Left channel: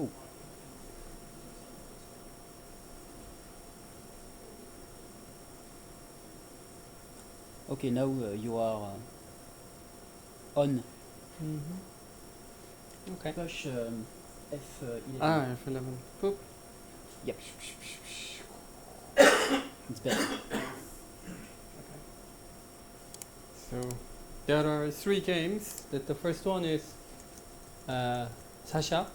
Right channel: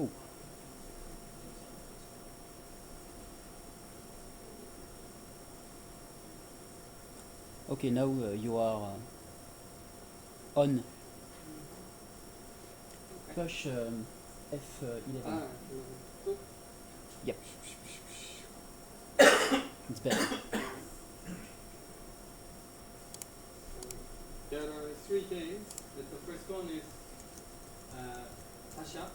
Oh. Okay, now you are on. Okay. Push F11. Ah, F11. Boop. Yep. It's better. So there are 3 games. The first one is Sasha,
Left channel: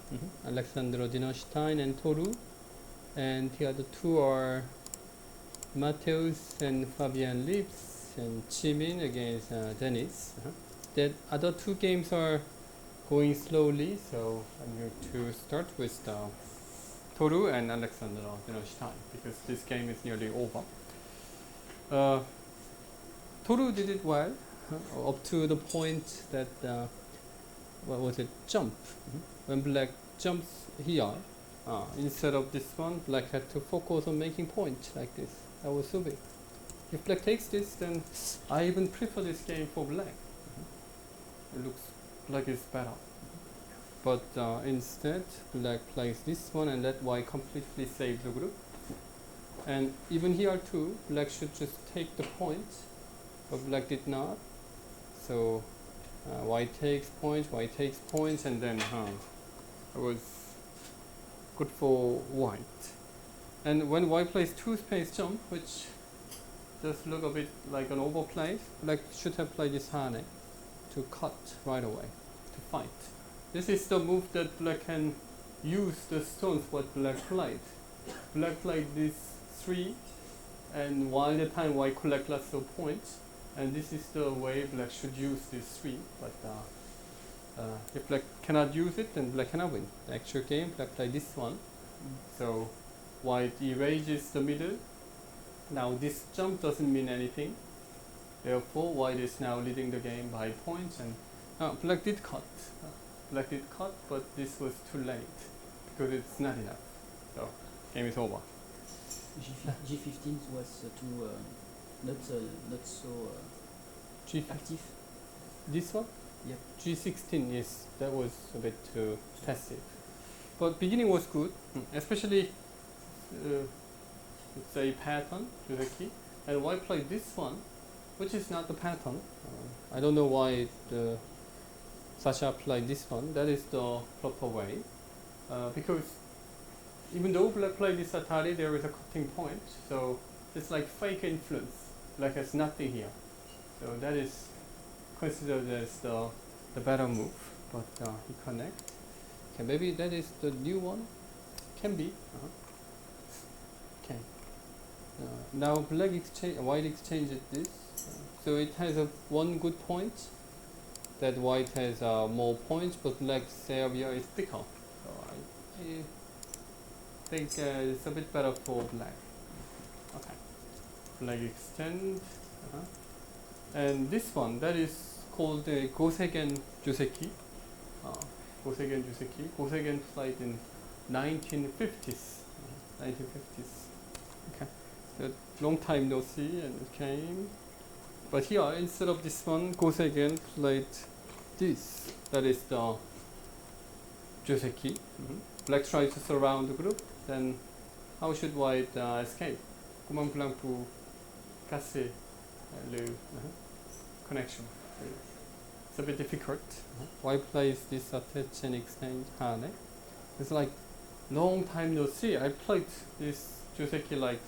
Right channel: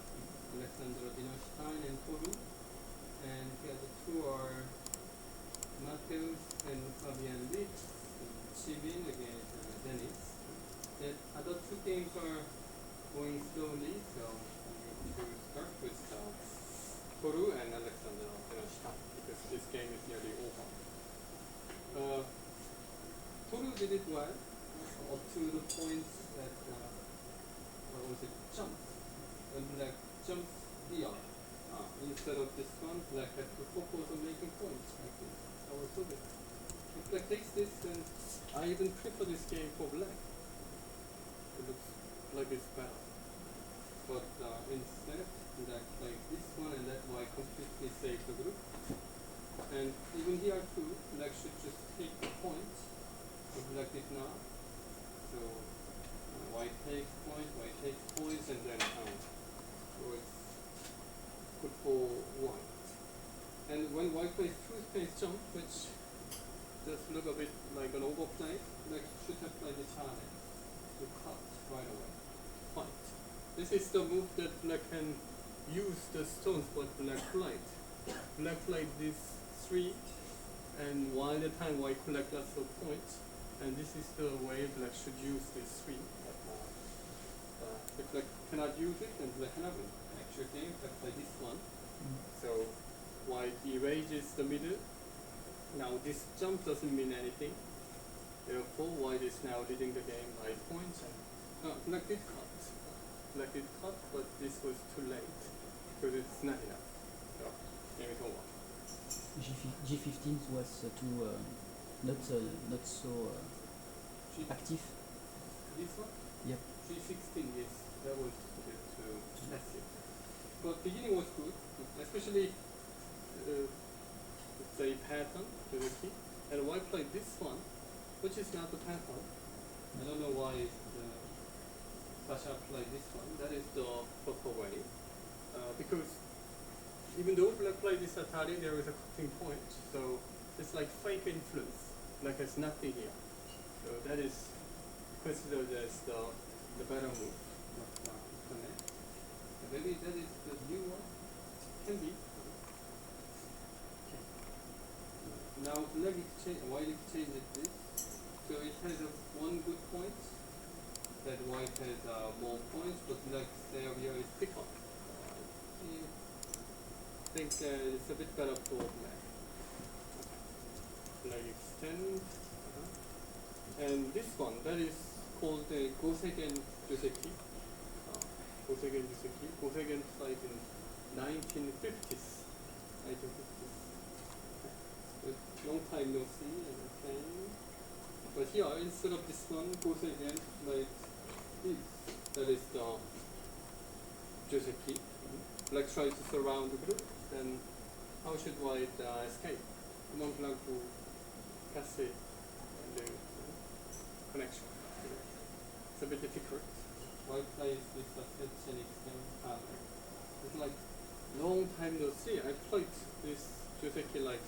Alexandr Dinerstein, and Toru. And the other 2 are Mateusz and Fabien and Chimin against Denis. The other 2 games are going slowly, so I'm going to start with Toru and Alexandr Dinerstein because this game is nearly over. Toru did it well up to the point that what was it? Jump. When black jumps here, instead of this one, black had to focus on making points like this. That was so big. If black takes this, then I even prefer this game for black. It looks like it's better. But instead, black plays this one, and that white completely saves the group. And even here too, black should just take the points, but black did not. So white takes points, and then it was good for white. And when white plays 2 space jump, which does look a bit like an overplay, black should have played this Hane to cut right away, to fight. This is the move that black can use the stones what black played. Black played these 3, and while the time white collect lots of points, and this is the way black should use these 3. But if black cannot use it, then black cannot win. Actual game, black play this one. So white erases the middle. Now this jump doesn't mean anything. Therefore, white is now leading the game by points, and black did cut. Black did cut, but this was too late because it's not enough. So game is over. G15 was too not so active. This one? Yep. G16 that was a bit too passive. But beginning was good, especially let's say pattern directly. And white played this one, which is not the pattern. I don't know why Sasha played this one. That is the proper way. Because even though black played this Atari, there is a cutting point. So it's like fake influence. Black has nothing here. So that is considered as the better move. But he connect. Okay, maybe that is the new one. Can be. Okay. Now black exchange, white exchanges this. So it has one good point. That white has more points, but black's area is bigger. So I think it's a bit better for black. Okay. Black extend. And this one, that is called the Goseigen Joseki. Goseigen Joseki. Goseigen played in 1950s. 1950s. Okay. So long time no see, and it came. But here, instead of this one, Goseigen played this. That is the Joseki. Black tried to surround the group. Then, how should white escape? Comment blanc pour casser le connection. It's a bit difficult. White plays this fetch and extend Hane. It's like long time no see. I played this Joseki like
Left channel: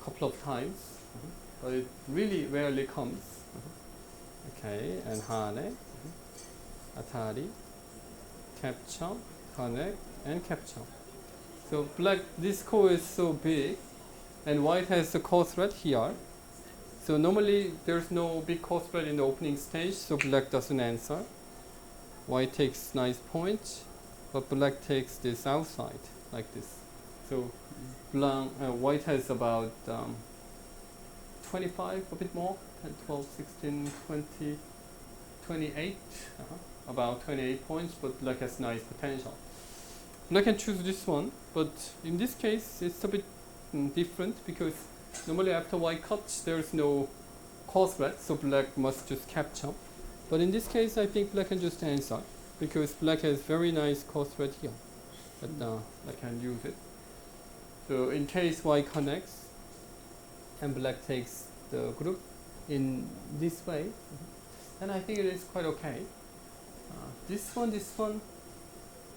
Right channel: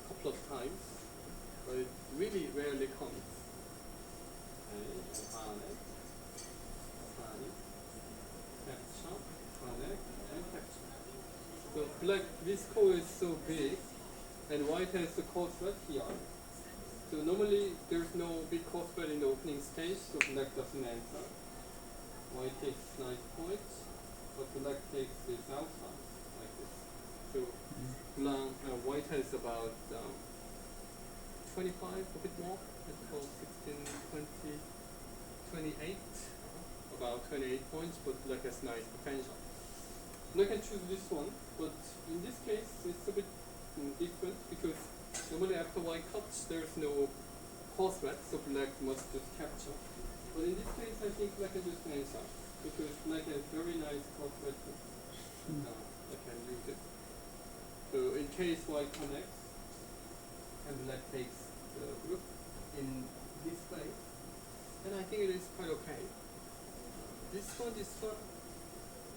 a couple of times. But it really rarely comes. Okay, and Hane, Atari, capture, Hane, and capture. So black, this core is so big, and white has the core threat here. So normally there's no big core threat in the opening stage, so black doesn't answer. White takes nice points, but black takes this outside, like this. So white has about 25, a bit more, 12, 16, 20, 28, about 28 points, but black has nice potential. Black can choose this one, but in this case it's a bit different because normally after white cuts there is no core threat, so black must just capture. But in this case I think black can just answer because black has very nice core threat here. but I can use it. So in case white connects and black takes the group in this way, then I think it is quite okay. This one,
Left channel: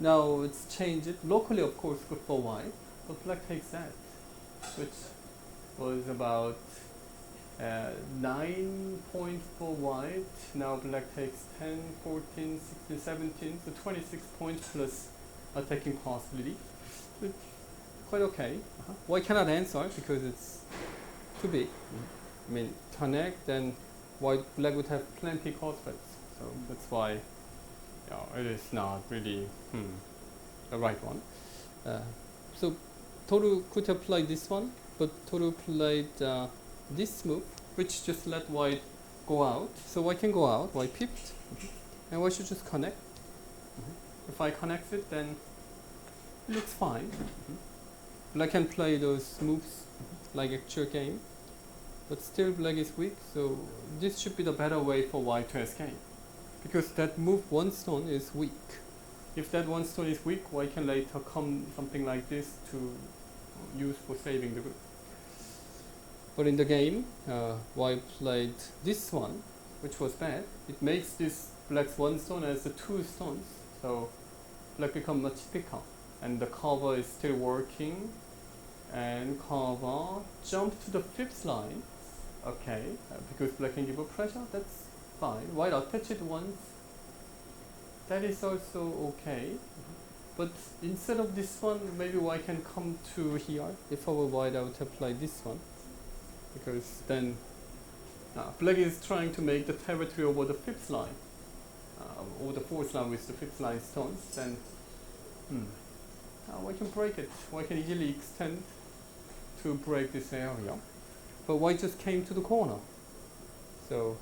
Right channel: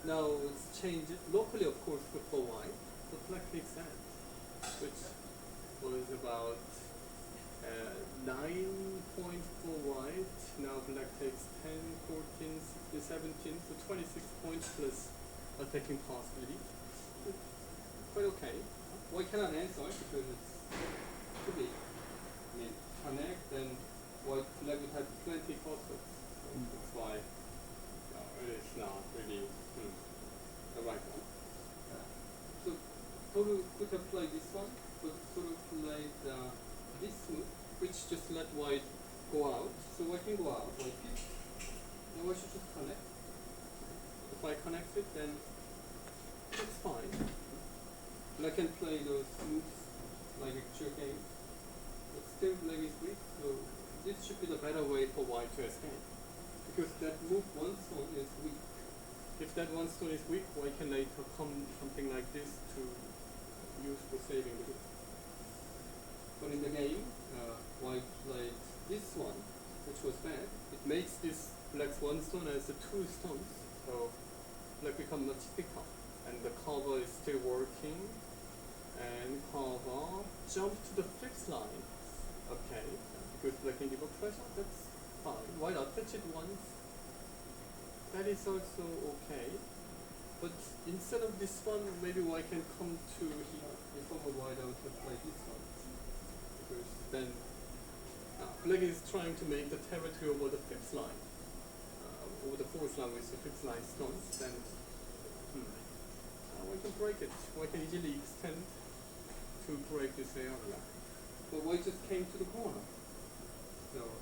now it's changed locally, of course, for white, but black takes that, which was about 9 points for white. Now black takes 10, 14, 16, 17, so 26 points plus attacking possibility. But quite okay. White cannot answer because it's too big. I mean, connect, then black would have plenty prospects. So that's why it is not really the right one. So Toru could have played this one, but Toru played this move, which just let white go out. So white can go out, white pipped, and white should just connect. If I connect it, then it looks fine. Black can play those moves like actual game, but still black is weak, so this should be the better way for white to escape. Because that move one stone is weak. If that one stone is weak, white can later come something like this to use for saving the group. But in the game, white played this one, which was bad. It makes this black's one stone as a two stones, so black becomes much thicker. And the cover is still working, and cover jump to the fifth line. Okay, because black can give a pressure, that's fine. White attach it once, that is also okay. But instead of this one, maybe white can come to here. If I were white, I would apply this one. Because then black is trying to make the territory over the fifth line, or the fourth line with the fifth line stones. Then white can break it. White can easily extend to break this area. But white just came to the corner. So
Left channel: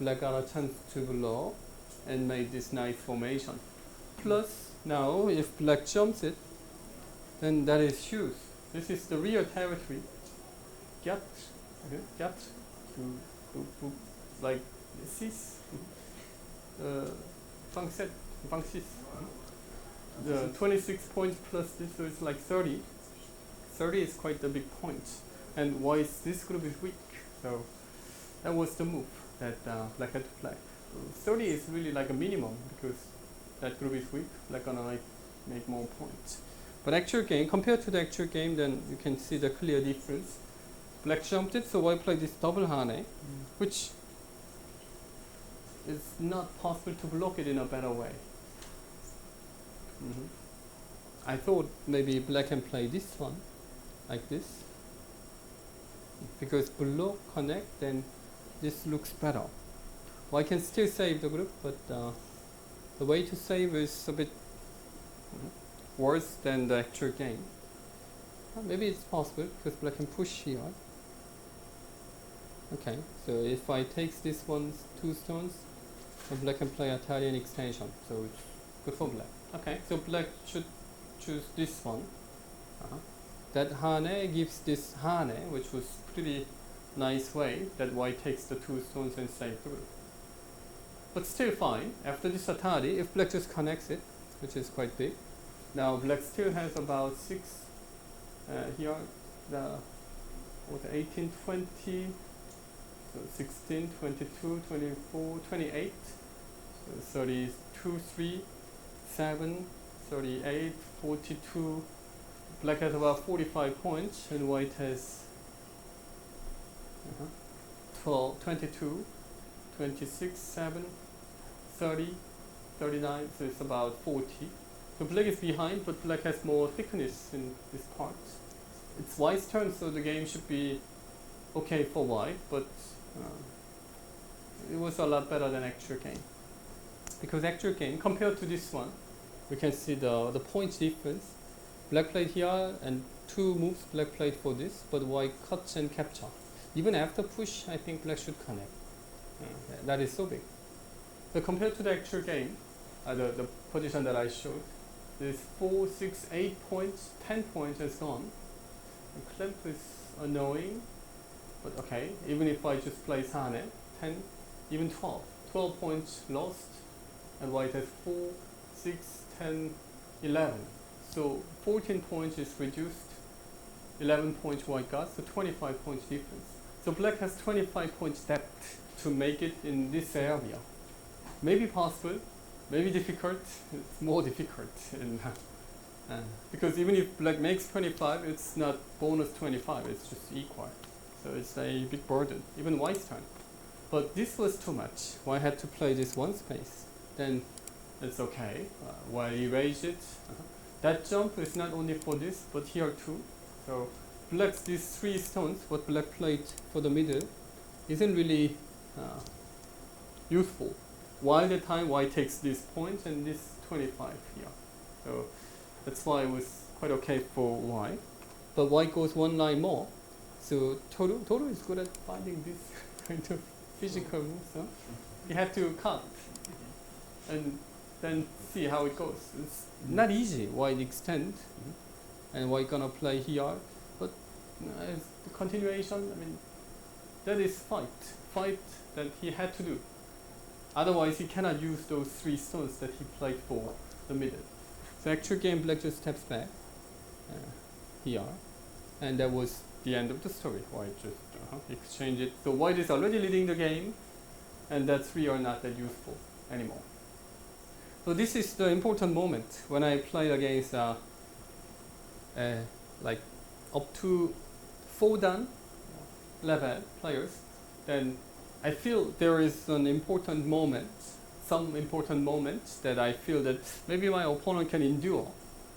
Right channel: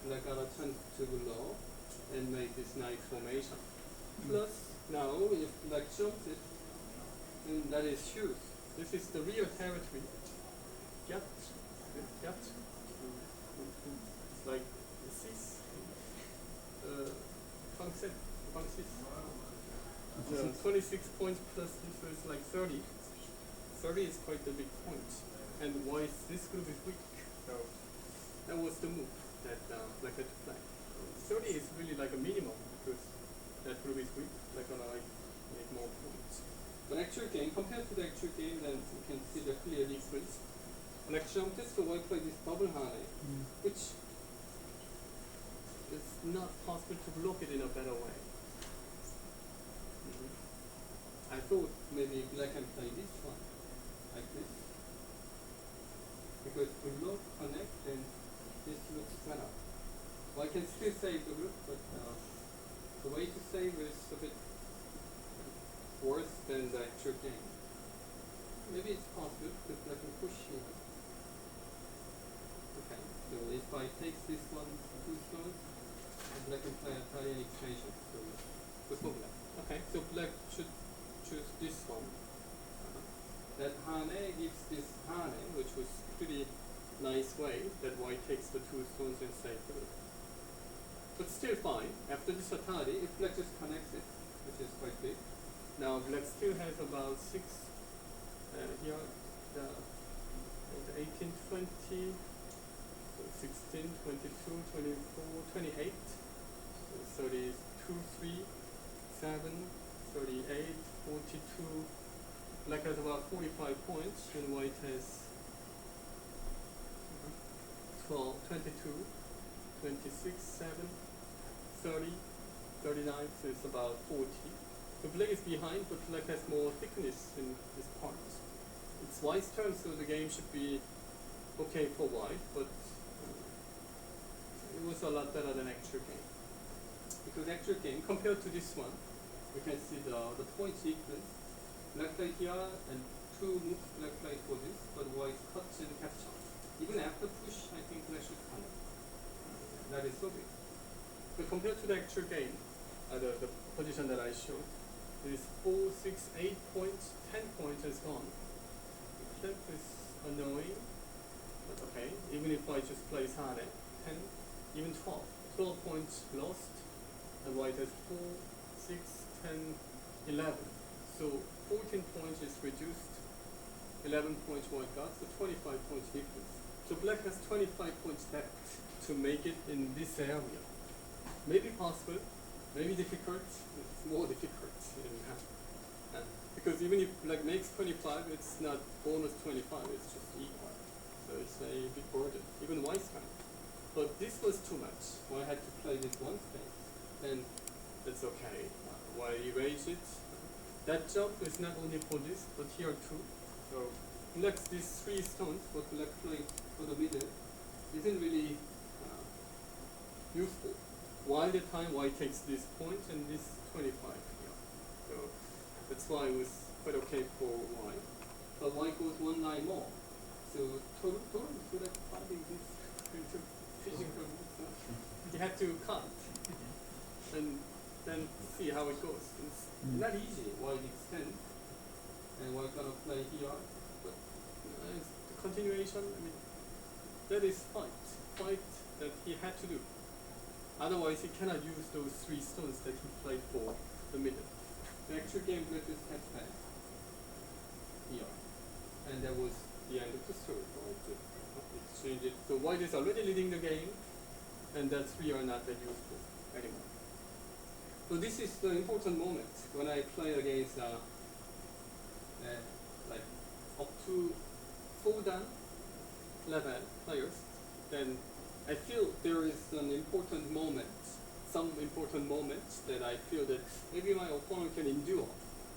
black got a chance to blow and made this nice formation. Plus, now if black jumps it, then that is huge. This is the real territory. Get, like six, Hwang 6. The 26 points plus this, so it's like 30. 30 is quite a big point. And why is this group is weak? So that was the move that black had to play. 30 is really like a minimum because that group is weak. Black gonna like make more points. But actual game, compared to the actual game, then you can see the clear difference. Black jumped it, so white played this double hane, which is not possible to block it in a better way. I thought maybe black can play this one, like this. Because block, connect, then this looks better. White can still save the group, but the way to save is a bit worse than the actual game. Maybe it's possible, because black can push here. Okay, so if I take this one's two stones, then black can play Italian extension, so good for black. Okay, so black should choose this one. That hane gives this hane, which was pretty nice way that white takes the two stones and stay through. But still fine. After this atari, if black just connects it, which is quite big, now black still has about 6 here, the 18, 20, so 16, 22, 24, 28, so 32, 3, 7, 38, 42. Black has about 45 points and white has 12, 22, 26, 7, 30, 39, so it's about 40. So black is behind, but black has more thickness in this part. It's white's turn, so the game should be okay for white, but it was a lot better than actual game. Because actual game, compared to this one, you can see the points difference. Black played here and 2 moves black played for this, but white cuts and capture. Even after push, I think black should connect. That is so big. So compared to the actual game, the position that I showed, there's 4, 6, 8 points, 10 points and so on. The clip is annoying, but okay, even if I just play hane, 10, even 12. 12 points lost, and white has 4, 6, 10, 11. So 14 points is reduced, 11 points white got, so 25 points difference. So black has 25 points depth to make it in this area. Maybe possible, maybe difficult, it's more difficult. Because even if black makes 25, it's not bonus 25, it's just equal. So it's a big burden, even white's turn. But this was too much. White had to play this one space. Then it's okay. White erase it. That jump is not only for this, but here too. So black's these 3 stones, what black played for the middle, isn't really useful. While the time white takes this point and this 25 here. So that's why it was quite okay for white. But white goes 1 line more. So Toru is good at finding this kind of physical moves. Huh? He had to count and then see how it goes. It's not easy. White extend and white gonna play here. But as the continuation, I mean, that is fight that he had to do. Otherwise, he cannot use those 3 stones that he played for the middle. So actual game, black just steps back here, and that was the end of the story. White just exchange it. So white is already leading the game, and that 3 are not that useful anymore. So this is the important moment when I play against like up to 4 dan level players, then I feel there is an important moment, some important moments that I feel that maybe my opponent can endure,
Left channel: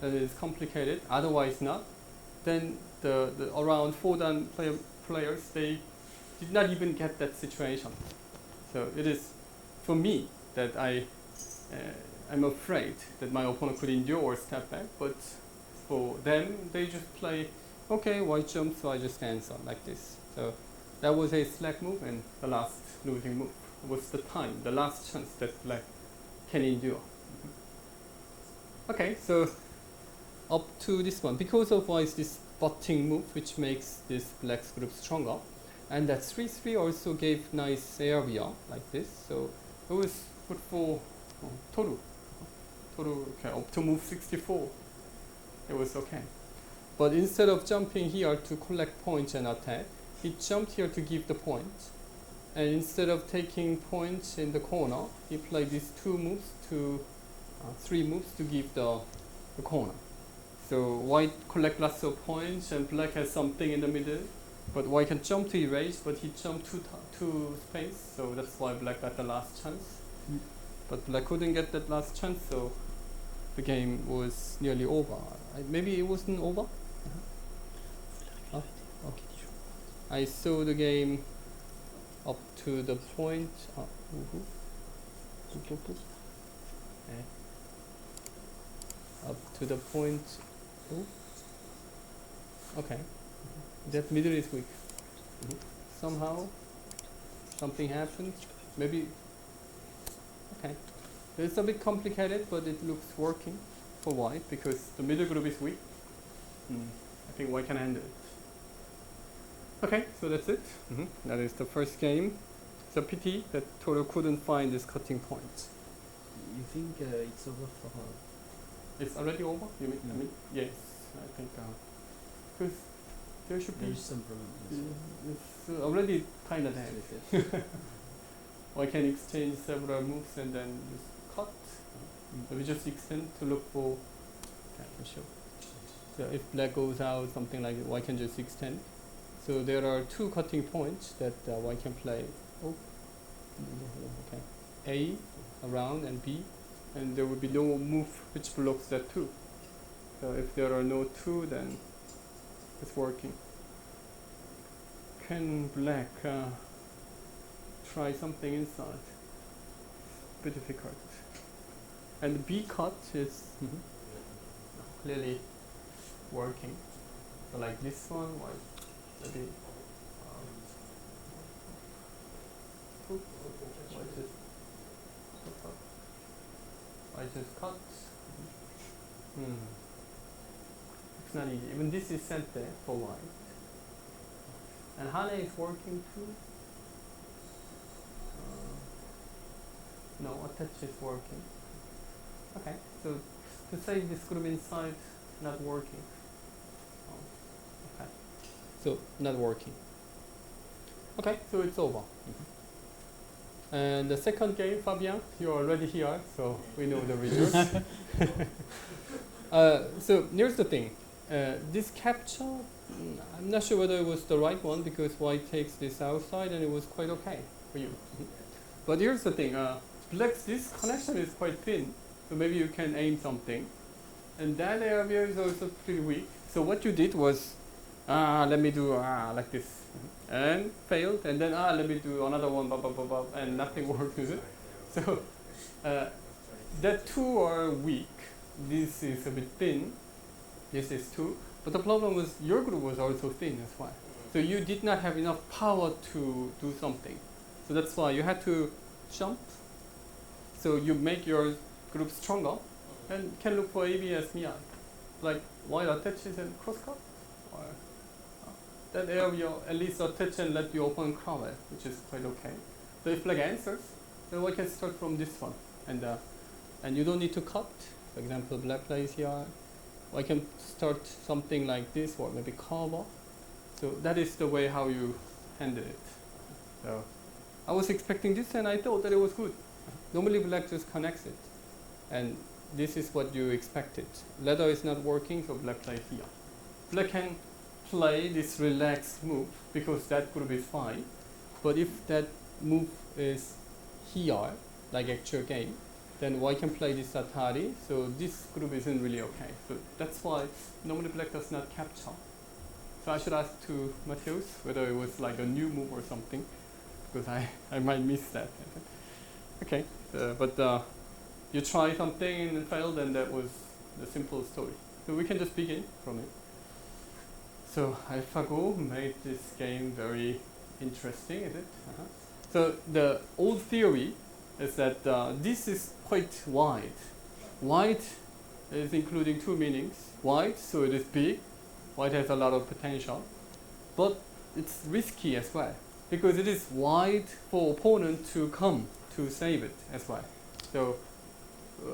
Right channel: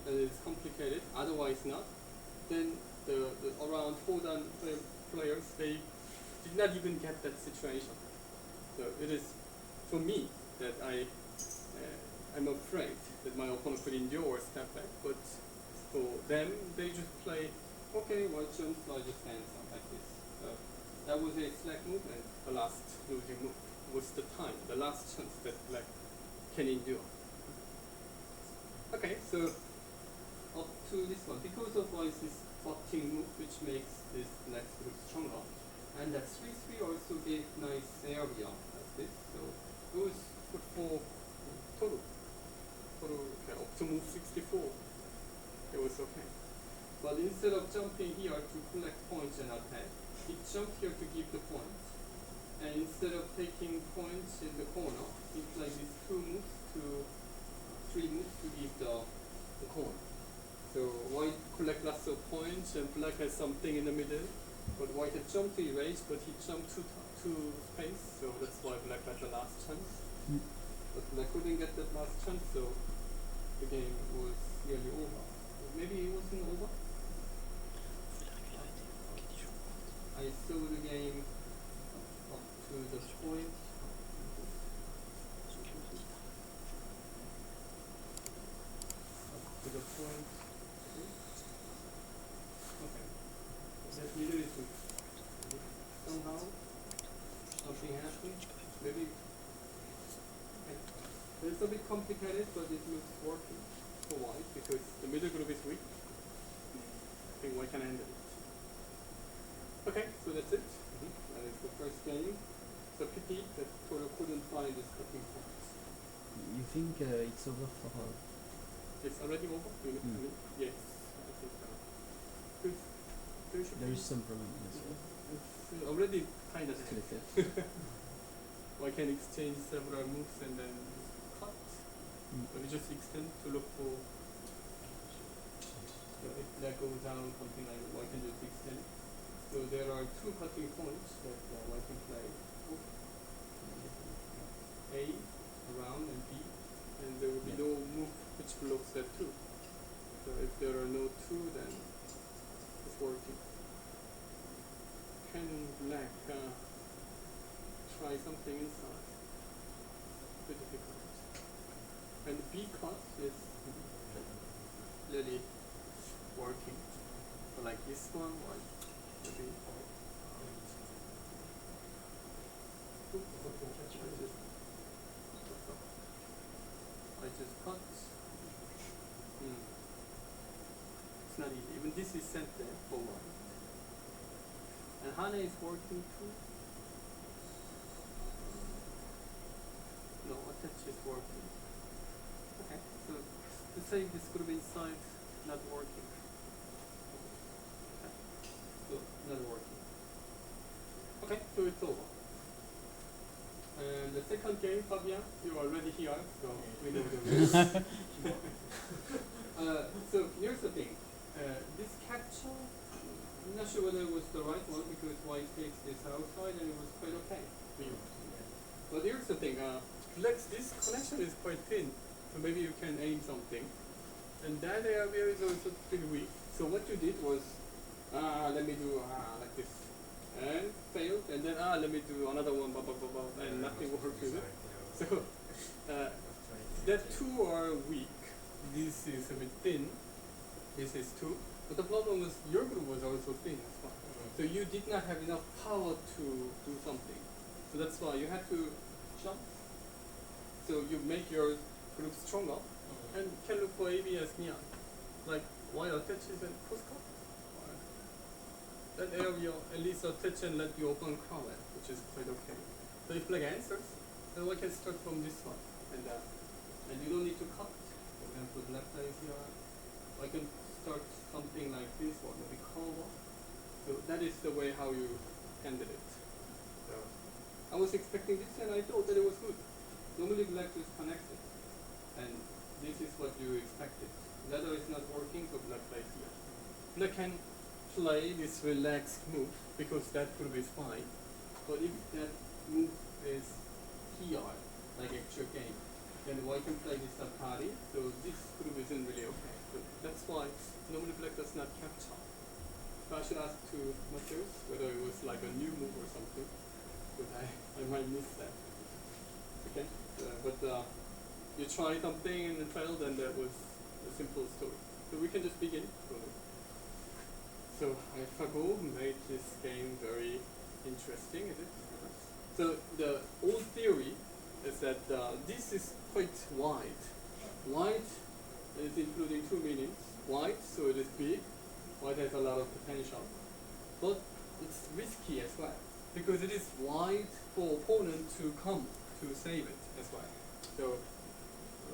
that is complicated, otherwise not. Then the around 4 dan players, they did not even get that situation. So it is for me that I'm afraid that my opponent could endure or step back, but for them, they just play, okay, white jump, so I just answer like this. So that was a slack move, and the last losing move was the time, the last chance that black can endure. Okay, so up to this one, because of white's this butting move, which makes this black's group stronger, and that 3-3 also gave nice area like this, so it was good for Toru. Okay, up to move 64, it was okay. But instead of jumping here to collect points and attack, he jumped here to give the point. And instead of taking points in the corner, he played these 3 moves to give the corner. So white collect lots of points and black has something in the middle. But white can jump to erase, but he jumped to space, so that's why black got the last chance. But black couldn't get that last chance, so the game was nearly over. Maybe it wasn't over? I saw the game up to the point. Up to the point. Okay. That middle is weak. Somehow something happened. Maybe. Okay. It's a bit complicated, but it looks working for white because the middle group is weak. I think white can handle it. Okay, so that's it. That is the first game. It's a pity that Toru couldn't find this cutting point. You think it's over for her? It's already over? Yes, I think because there is some problem. It's already kind of dead. I can exchange several moves and then just cut. So we just extend to look for. So if black goes out, something like that, white can just extend. So there are 2 cutting points that one can play. A around and B, and there will be no move which blocks that 2. So if there are no 2, then it's working. Can black try something inside? A bit difficult. And B cut is really working. So like this one or maybe I just cut. It's not easy. Even this is set there for white. And Hane is working too. No, attach is working. Okay, so to say this group inside not working. Okay. So not working. Okay, so it's over. And the second game, Fabien, you're already here, so we know the results. So here's the thing. This capture, I'm not sure whether it was the right one because white takes this outside and it was quite okay for you. But here's the thing. This connection is quite thin, so maybe you can aim something. And that area is also pretty weak. So what you did was, let me do like this. And failed, and then let me do another one, and nothing worked with it. So that two are weak. This is a bit thin. This is two. But the problem was your group was also thin as well. So you did not have enough power to do something. So that's why you had to jump. So you make your group stronger and can look for ABS here. Like white attaches and crosscut. That area at least attach and let the open cover, which is quite okay. So if like answers, then we can start from this one. And you don't need to cut. For example, black plays here. I can start something like this or maybe cover. So that is the way how you handle it. So I was expecting this and I thought that it was good. Normally black just connects it. And this is what you expected. Leather is not working, so black plays here. Black can play this relaxed move because that group is fine. But if that move is here, like actual game, then white can play this Atari, so this group isn't really okay. But that's why normally black does not capture. So I should ask to Mateusz whether it was like a new move or something, because I might miss that. Okay, but you try something and it failed, and that was the simple story. So we can just begin from it. So AlphaGo made this game very interesting, is it? So the old theory is that this is quite wide. Wide is including two meanings. Wide, so it is big. White has a lot of potential. But it's risky as well, because it is wide for opponent to come to save it as well. So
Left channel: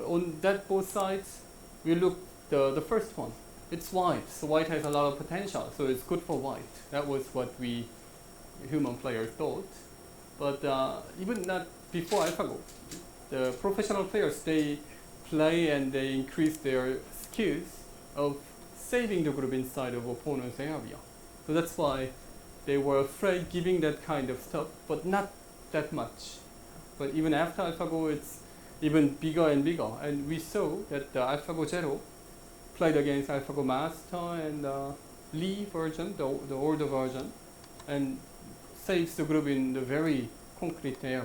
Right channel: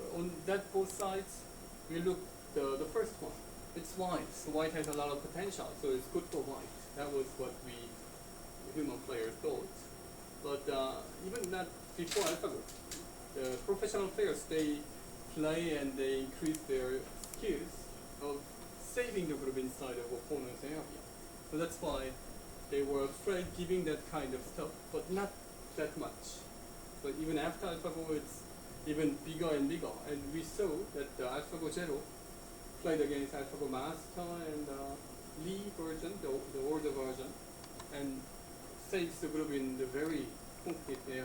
on that both sides, we look the first one. It's white, so white has a lot of potential, so it's good for white. That was what we human players thought. But even that before AlphaGo, the professional players, they play and they increase their skills of saving the group inside of opponent's area. So that's why they were afraid giving that kind of stuff, but not that much. But even after AlphaGo, it's even bigger and bigger. And we saw that the AlphaGo Zero played against AlphaGo Master and Lee version, the older version, and saves the group in the very concrete area.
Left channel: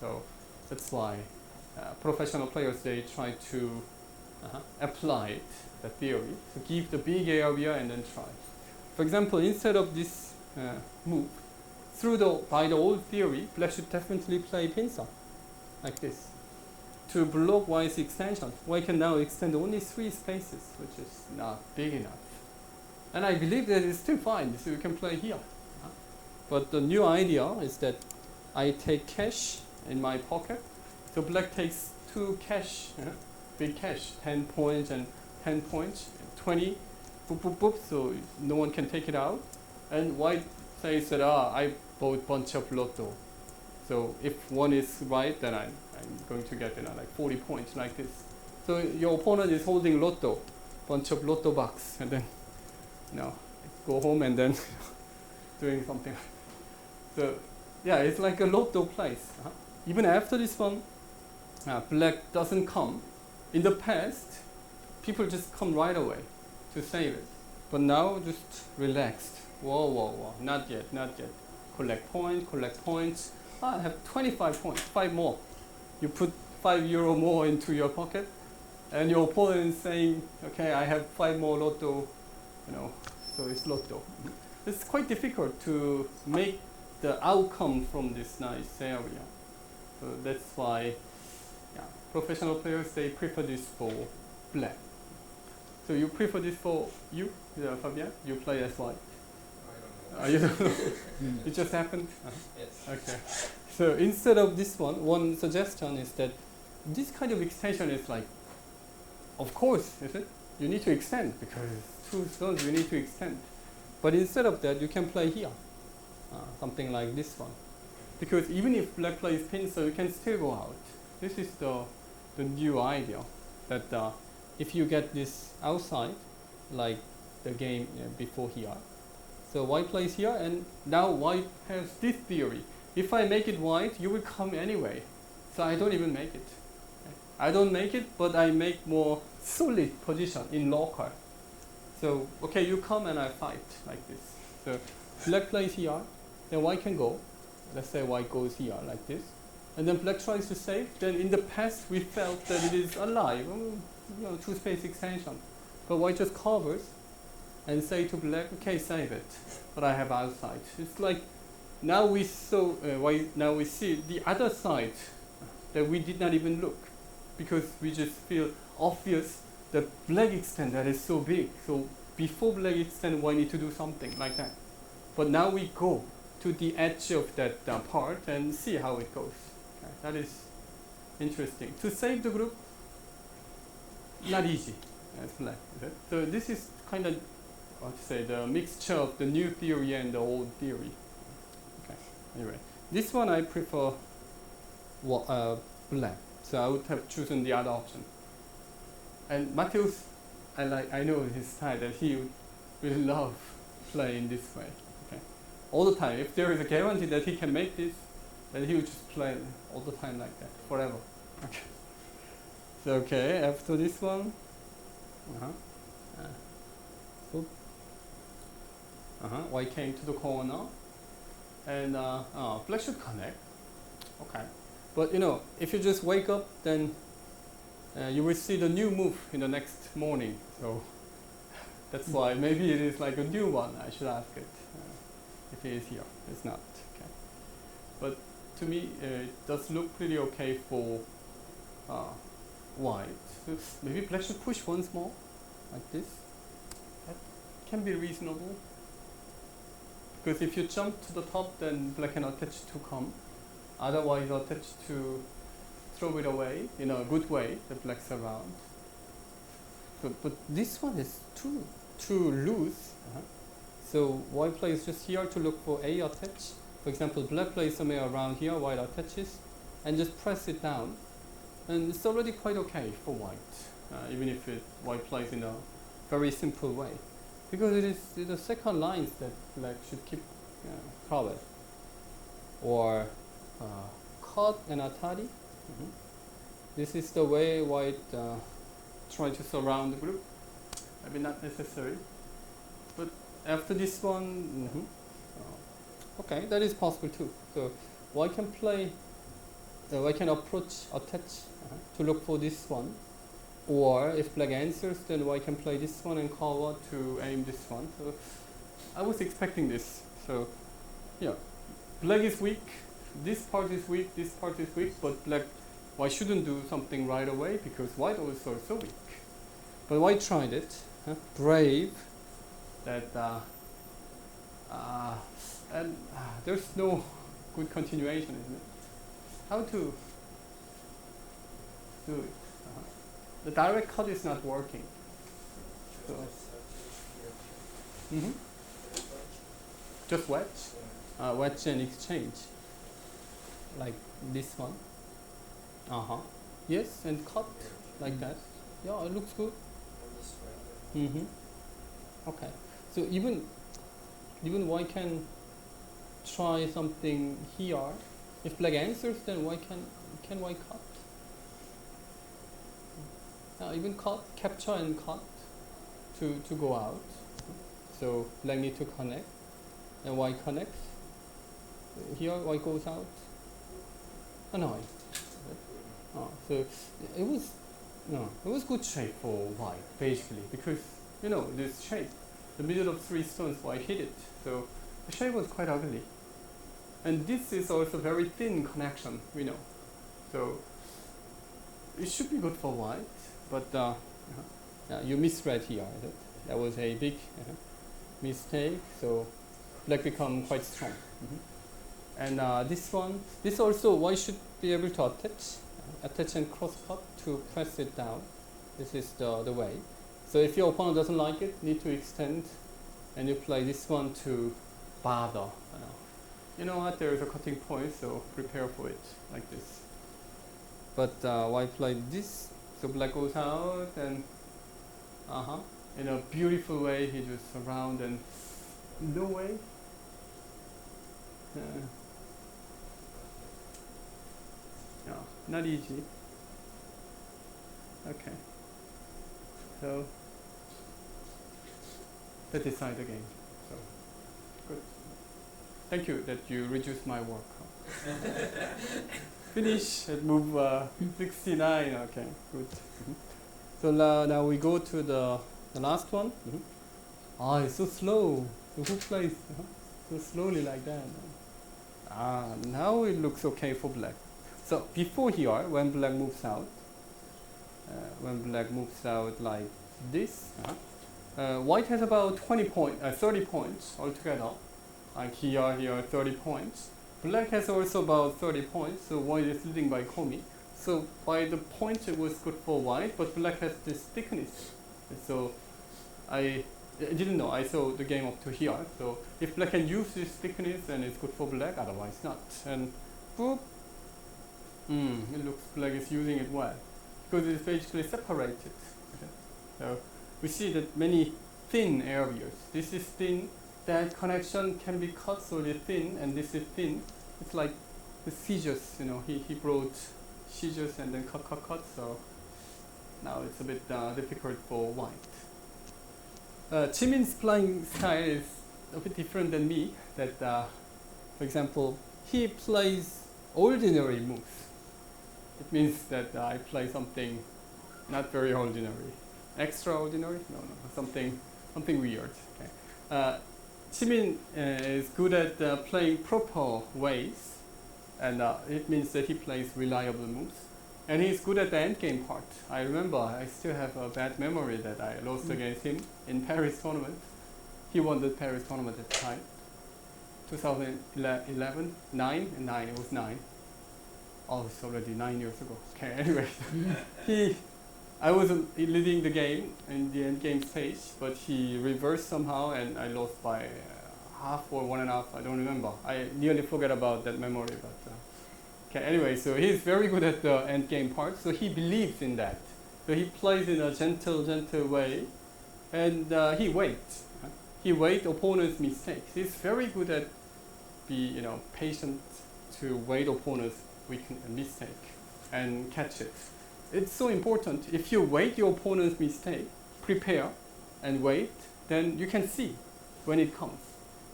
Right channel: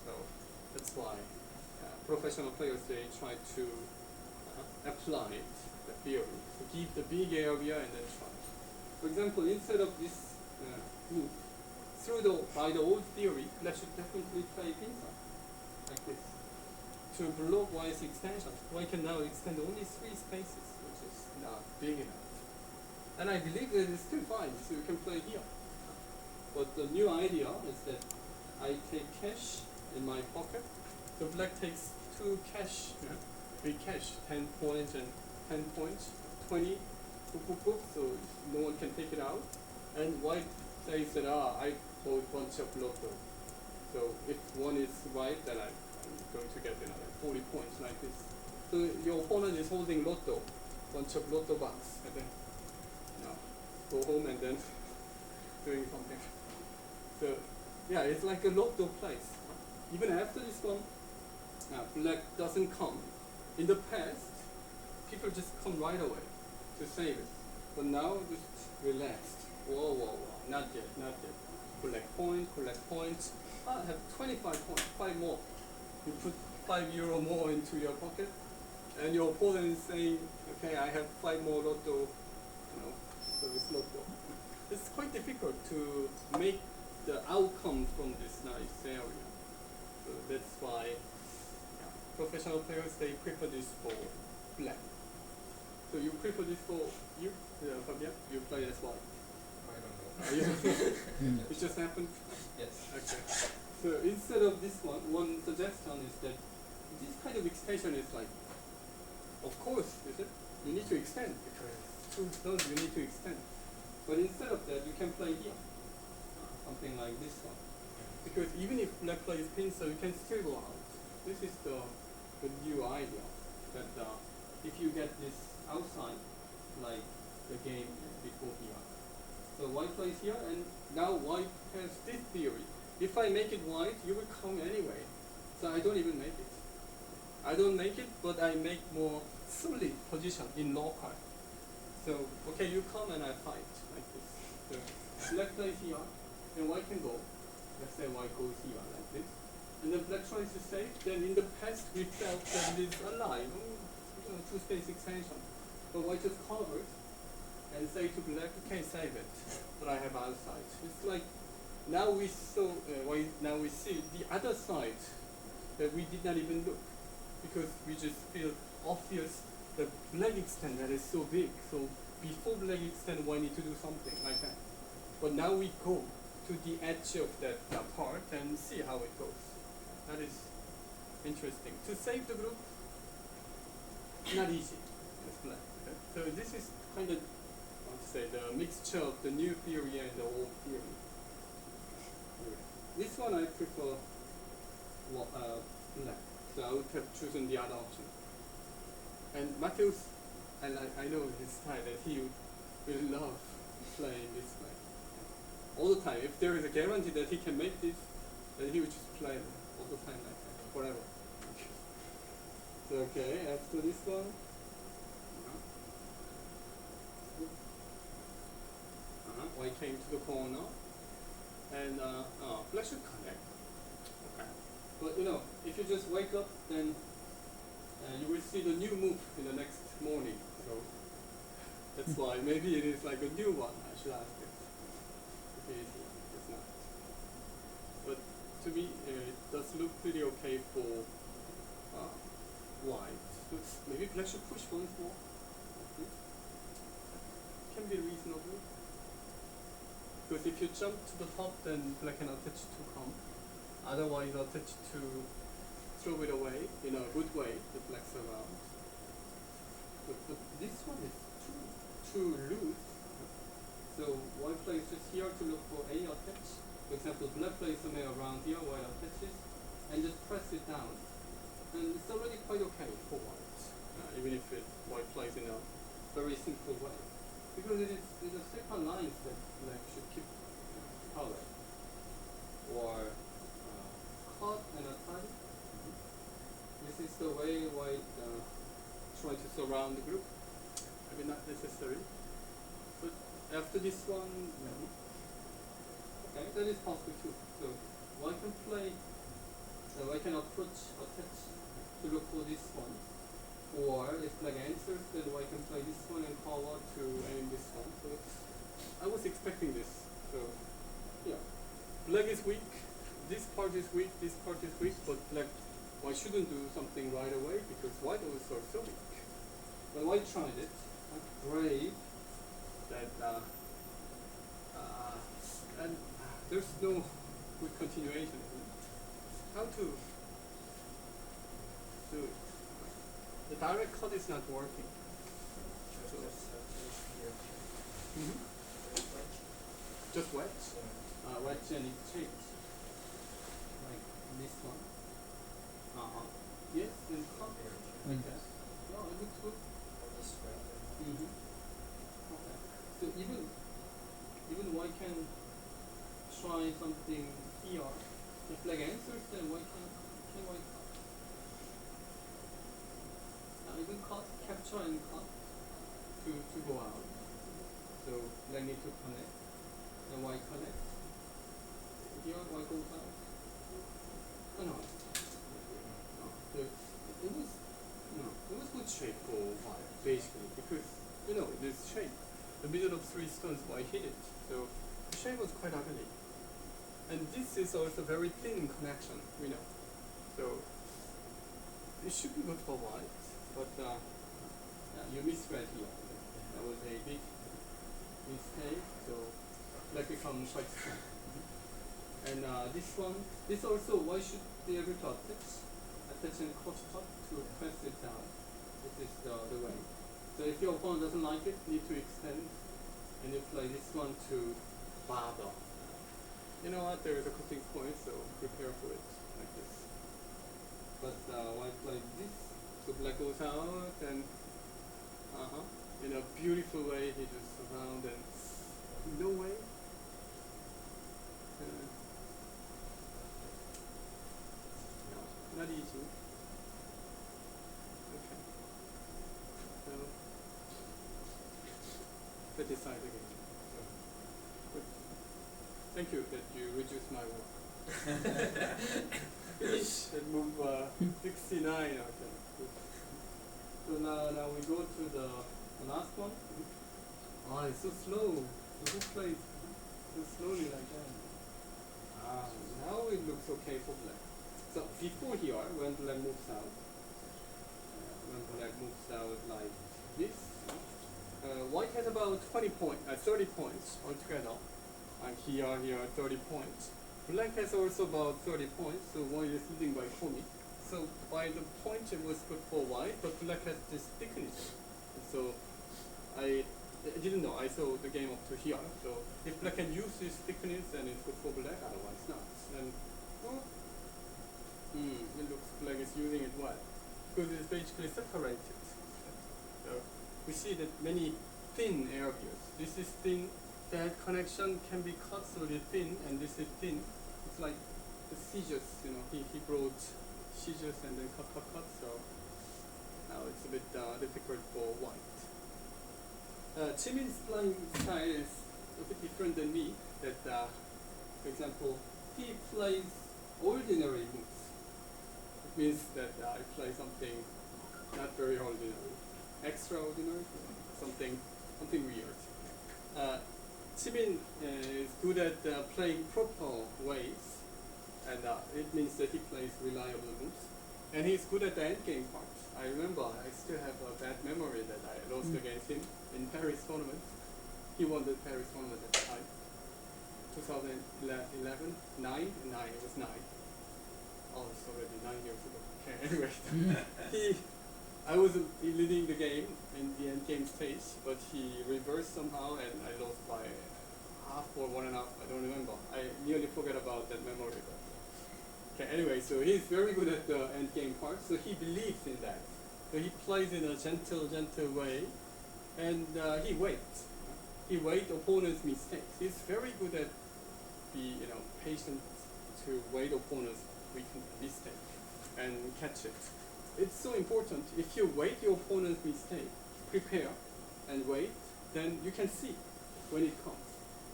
So that's why professional players, they try to apply it, the theory, to give the big area and then try. For example, instead of this move, by the old theory, black should definitely play Inseong, like this. To block white's extension, white can now extend only 3 spaces, which is not big enough. And I believe that it's still fine, so you can play here. But the new idea is that I take cash in my pocket, so black takes 2 cash, big cash, 10 points and 10 points, 20, boop, boop, boop, so no one can take it out. And white says that, I bought a bunch of lotto. So if one is right, then I'm going to get like 40 points like this. So your opponent is holding lotto, bunch of lotto bucks, and then go home and then doing something. So yeah, it's like a lotto place. Even after this one, black doesn't come. In the past, people just come right away to save it. But now, just relaxed. Whoa, not yet. Collect points. I have 25 points, 5 more. You put €5 more into your pocket, and your opponent is saying, okay, I have 5 more lotto, so it's lotto. It's quite difficult to make the outcome from this nice area. So that's why professional players, they prefer this for black. So you prefer this for you, Fabien? You play as white? I don't know. It just happened? Yes. Okay. So instead of this one suggestion is that this kind of extension is like, of course, is it? you need to extend because two stones you need to extend. But instead of that, you can play here, something like this one. Because even if black plays pinsel, you can still go out. This is the new idea that if you get this outside, like the game before here. So white plays here, and now white has this theory. If I make it white, you will come anyway. So I don't even make it. I don't make it, but I make more solid position in local. So, okay, you come and I fight like this. So black plays here, then white can go. Let's say white goes here like this. And then black tries to save. Then in the past we felt that it is alive, two-space extension. But white just covers and say to black, okay, save it. But I have outside. It's like now we saw, now we see the other side that we did not even look, because we just feel obvious that black extend that is so big. So before black extend, we need to do something like that. But now we go to the edge of that part and see how it goes. That is interesting. To save the group, not easy. That's like that. So this is kind of, what to say, the mixture of the new theory and the old theory. Okay. Anyway, this one I prefer black. So I would have chosen the other option. And Mateusz, I know his style that he will love playing this way. Okay. All the time. If there is a guarantee that he can make this, then he will just play all the time like that, forever. Okay. So okay, after this one. White came to the corner, and black should connect. Okay. But if you just wake up, then you will see the new move in the next morning. So that's why maybe it is like a new one. I should ask it. If it is here, it's not. Okay. But to me, it does look really okay for white. So maybe black should push once more, like this. That can be reasonable. Because if you jump to the top, then black cannot attach to come. Otherwise, attach to throw it away in a good way, the black's around. But this one is too loose. So white plays just here to look for a attach. For example, black plays somewhere around here, white attaches, and just press it down. And it's already quite okay for white, even if white plays in a very simple way. Because it is the second lines that black should keep color. Or cut and atari. This is the way white try to surround the group. I mean, not necessary. But after this one, okay, that is possible too. So white can play, white can approach, attach to look for this one. Or if black answers, then white can play this one and cover to aim this one. So I was expecting this. So yeah, black is weak. This part is weak. This part is weak. But black, white shouldn't do something right away because white also is so weak. But white tried it. Brave. That and there's no good continuation. How to do it? The direct cut is not working. So just wedge? Wedge and exchange. Like this one. Yes, and cut like that. Yeah, it looks good. Okay. So even white can try something here. If black answers, then white can white cut. Even cut, capture and cut to go out. So black need to connect, and white connects. Here white goes out. So it was good shape for white basically because this shape, the middle of three stones, white hit it. So the shape was quite ugly, and this is also very thin connection. So it should be good for white. But you misread here. That was a big mistake. So black become quite strong. And this also white should be able to attach and cross cut to press it down. This is the way. So if your opponent doesn't like it, need to extend, and you play this one to bother. You know what? There is a cutting point, so prepare for it like this. But white play this, so black goes out, and in a beautiful way he just around and no way. No, not easy. Okay. So let's decide the game. So, good. Thank you that you reduced my work. Finish at move 69. Okay, good. So now we go to the last one. It's so slow. Who plays so slowly like that? Now it looks okay for black. So before here, when black moves out, like this, white has about 30 points altogether. Like here 30 points. Black has also about 30 points, so white is leading by Komi. So by the point it was good for white, but black has this thickness. So I didn't know, I saw the game up to here. So if black can use this thickness, then it's good for black, otherwise not. And boop, it looks black is using it well, because it's basically separated. So we see that many thin areas. This is thin, that connection can be cut so really thin, and this is thin. It's like the scissors, he brought scissors and then cut, so now it's a bit difficult for white. Chimin's playing style is a bit different than me, that for example, he plays ordinary moves. It means that I play something not very ordinary. Extraordinary? No, something weird. Okay. Chimin is good at playing proper ways, and it means that he plays reliable moves. And he's good at the endgame part. I remember, I still have a bad memory that I lost against him in Paris tournament. He won the Paris tournament at the time. 2011, 9, it was 9. Oh, it's already 9 years ago. Okay, anyway. I was leading the game in the end game stage, but he reversed somehow and I lost by half or 1.5, I don't remember. I nearly forget about that memory. But, okay, anyway, so he's very good at the end game part, so he believes in that. So he plays in a gentle way, and he waits. He waits opponent's mistakes. He's very good at be patient to wait opponent's mistake and catch it. It's so important. If you wait your opponent's mistake, prepare and wait, then you can see when it comes.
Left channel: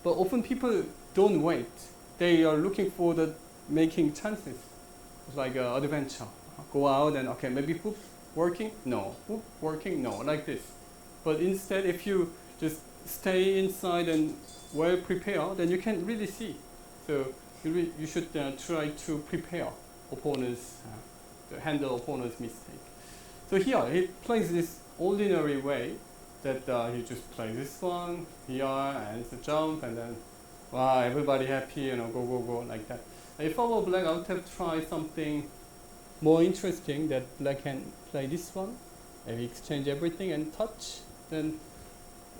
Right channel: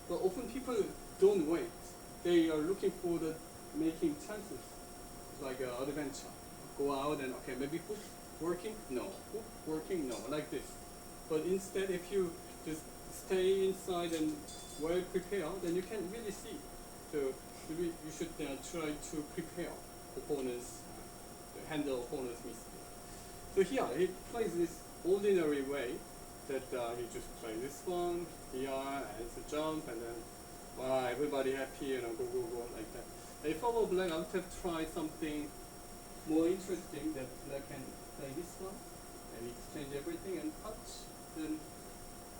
But often people don't wait. They are looking for the making chances, like adventure. Go out and okay, maybe hoop working? No. Hoop working? No. Like this. But instead, if you just stay inside and well prepared, then you can really see. So you should try to prepare opponents, handle opponent's mistake. So here he plays this ordinary way that he just plays this one here and it's a jump and then wow, everybody happy, go like that. If our black out have tried something more interesting, that black can play this one and exchange everything and touch, then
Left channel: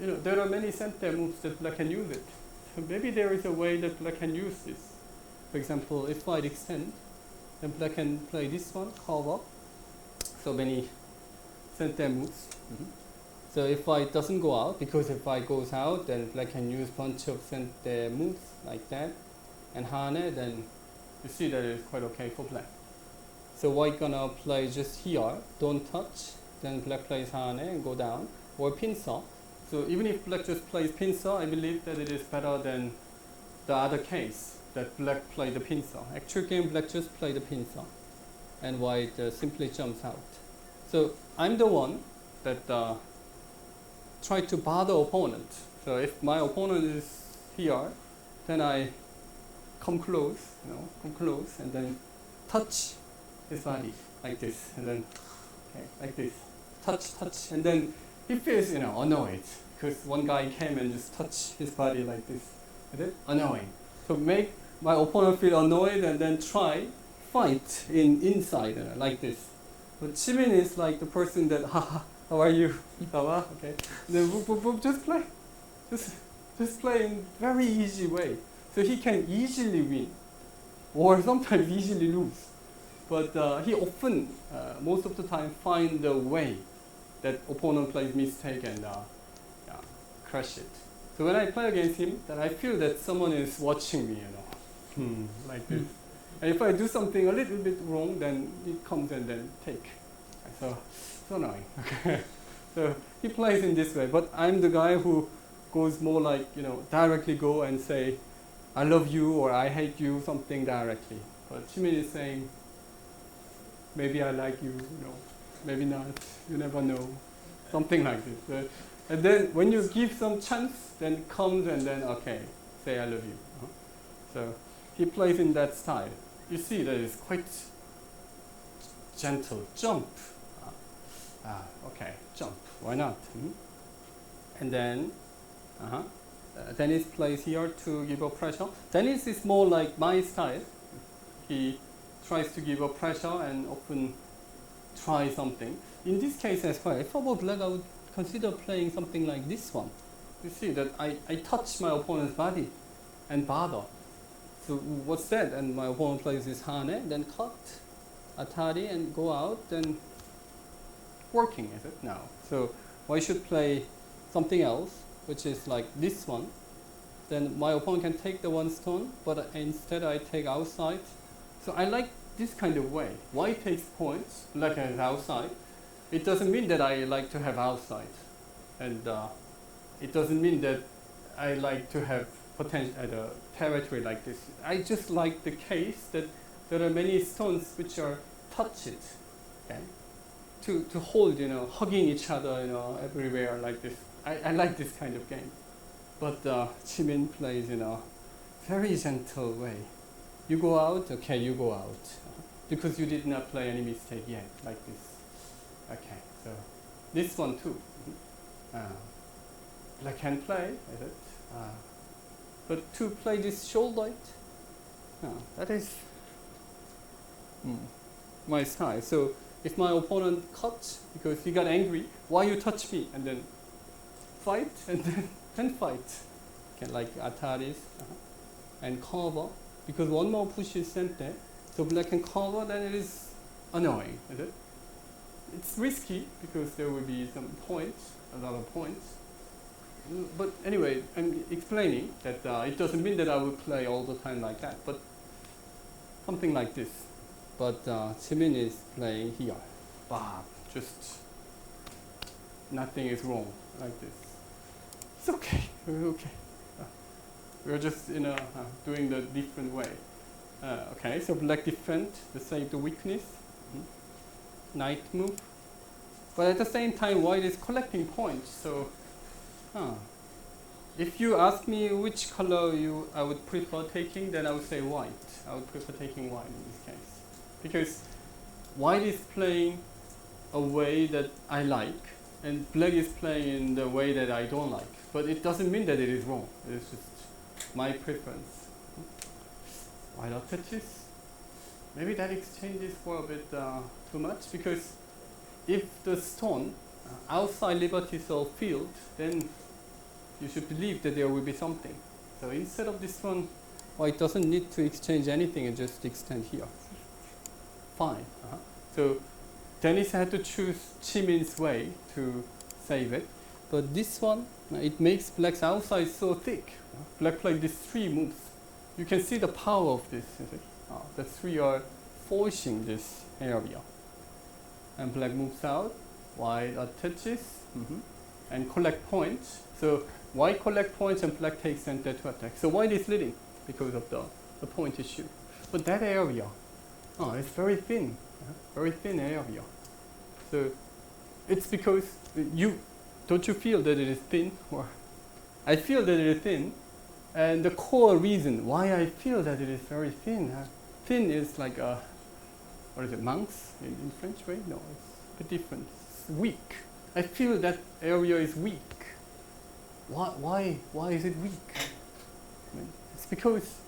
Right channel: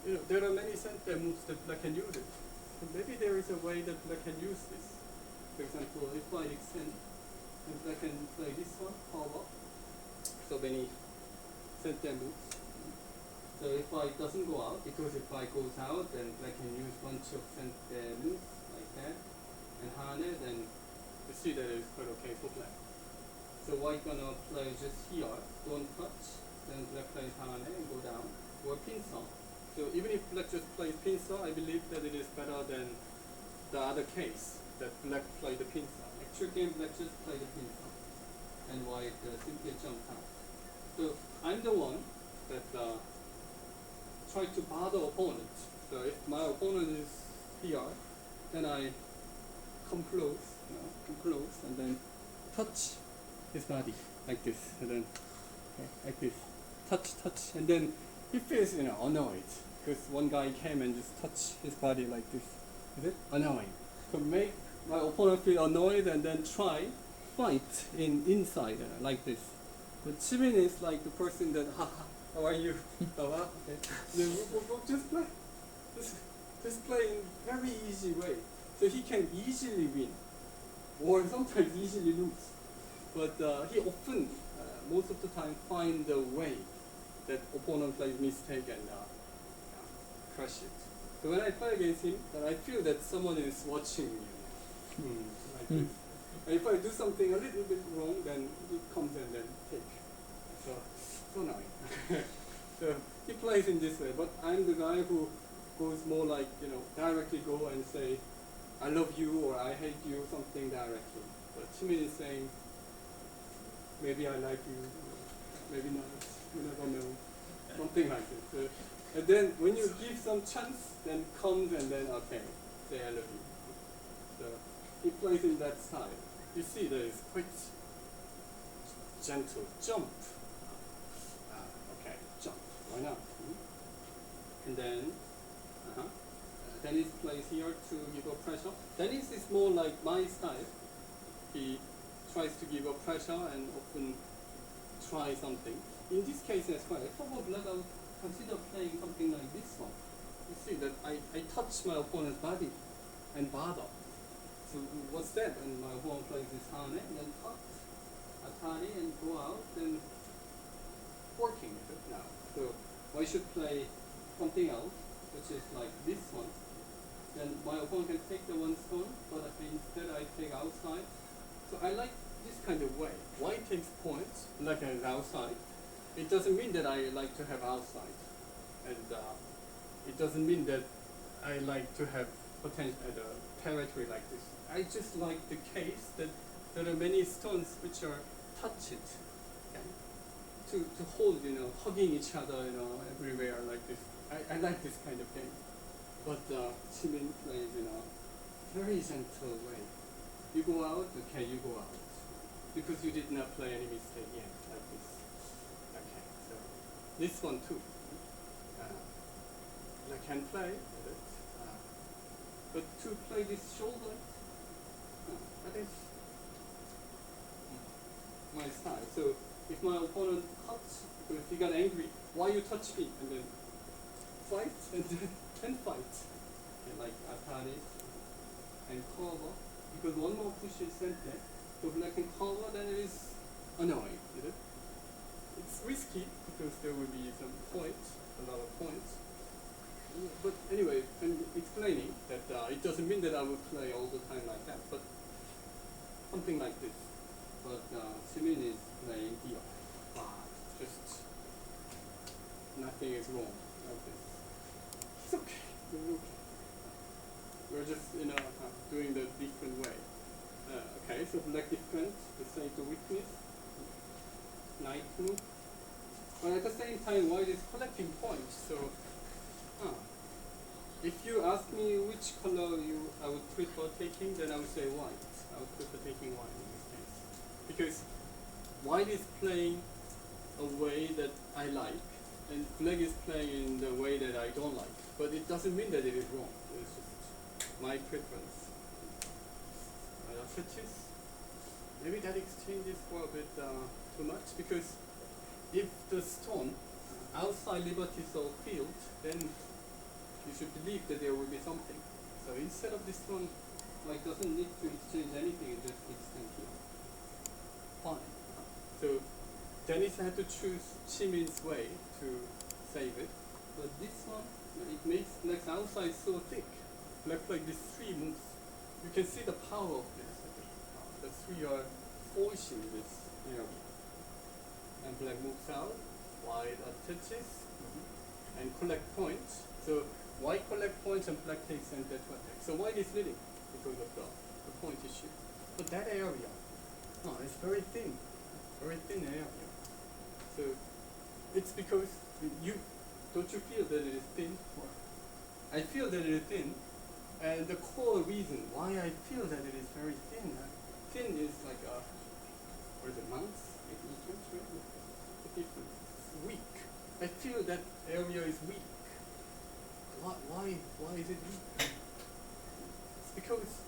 there are many center moves that black can use it. So maybe there is a way that black can use this. For example, if white extend, then black can play this one, curve up. So many center moves. So if white doesn't go out, because if white goes out, then black can use bunch of center moves like that, and hane, then you see that it's quite okay for black. So white gonna play just here, don't touch, then black plays hane and go down, or pincer. So even if black just plays pincer, I believe that it is better than the other case, that black play the pincer. Actual game, black just play the pincer, and white simply jumps out. So I'm the one that try to bother opponent. So if my opponent is here, then I come close, and then touch his body like this, and then like this, touch, and then he feels annoyed because one guy came and just touched his body like this. Is it annoying? So make my opponent feel annoyed and then try fight inside like this. But Chimin is like the person that How are you? Okay. Just play in very easy way. So he can easily win, or sometimes easily lose. But he often, most of the time, find a way that opponent plays mistake and crush it. So when I play against him, then I feel that someone is watching me, like this. And if I do something a little bit wrong, then it comes and then take. So annoying. So he plays in this way, but I'm the guy who goes more like, directly go and say, I love you or I hate you, something directly. But Chimin is saying, maybe I like you, maybe not, you never know, something like this. And then when you give some chance, then it comes and then, okay, say I love you. So he plays in that style. You see that it's quite gentle, jump. Okay, jump, why not? And then, Denis plays here to give a pressure. Denis is more like my style. He tries to give a pressure and often try something. In this case as well, if I were black, I would consider playing something like this one. You see that I touch my opponent's body and bother. So what's that? And my opponent plays this hane, then cut, atari, and go out, then working is it now. So I should play something else, which is like this one. Then my opponent can take the one stone, but instead I take outside. So I like this kind of way. White takes points, black has outside. It doesn't mean that I like to have outside. And it doesn't mean that I like to have potential territory like this. I just like the case that there are many stones which are touch it. Okay? To hold, hugging each other, everywhere like this. I like this kind of game. But Chimin plays in a very gentle way. You go out, okay, you go out. Because you did not play any mistake yet, like this. Okay, so this one too. I can play, but to play this shoulder, that is my style. So if my opponent cuts because he got angry, why you touch me? And then fight and then fight. Okay, like Ataris and cover, because one more push is sent there. So black can cover, then it is annoying, is it? It's risky because there will be some points, a lot of points. But anyway, I'm explaining that it doesn't mean that I will play all the time like that, but something like this. But Chimin is playing here. Wow, just nothing is wrong like this. It's okay, we're okay. We're just doing the different way. Okay, so black defend, the same to weakness, knight move. But at the same time, white is collecting points. So, if you ask me which color I would prefer taking, then I would say white. I would prefer taking white in this case. Because white is playing a way that I like, and black is playing in the way that I don't like. But it doesn't mean that it is wrong. It's just my preference. Why not touches? Maybe that exchanges for a bit too much, because if the stone outside liberties of field, then you should believe that there will be something. So instead of this one, white doesn't need to exchange anything and just extend here. Fine. So Denis had to choose Chimin's way to save it. But this one, it makes black's outside so thick. Black played these three moves. You can see the power of this. The three are forcing this area. And black moves out, white attaches, and collect points. So white collect points and black takes and dead to attack. So white is leading because of the point issue. But that area, it's very thin area. So it's because don't you feel that it is thin? Or I feel that it is thin, and the core reason why I feel that it is very thin, thin is like what is it, monks in French, right? No, it's a bit different. It's weak. I feel that area is weak. Why is it weak? It's because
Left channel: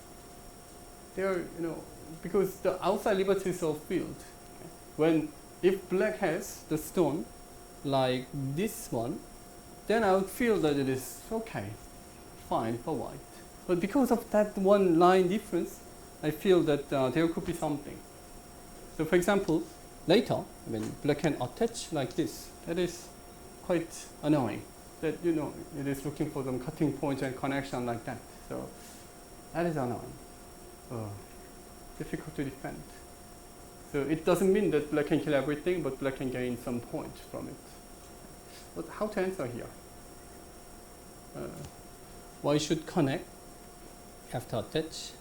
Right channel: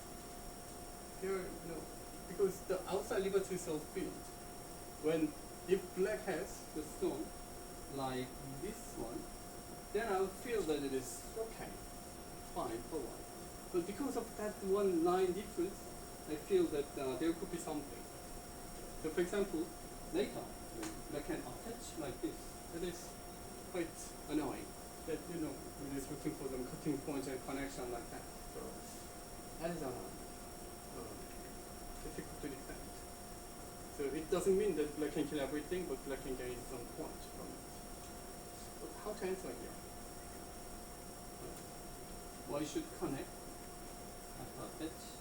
because the outside liberties of field. If black has the stone, like this one, then I would feel that it is okay, fine for white. But because of that one line difference, I feel that there could be something. So for example, later, when black can attach like this, that is quite annoying. That, you know, it is looking for some cutting points and connection like that. So that is annoying. Difficult to defend. So it doesn't mean that black can kill everything, but black can gain some points from it. But how to answer here? Why should connect? Have to attach.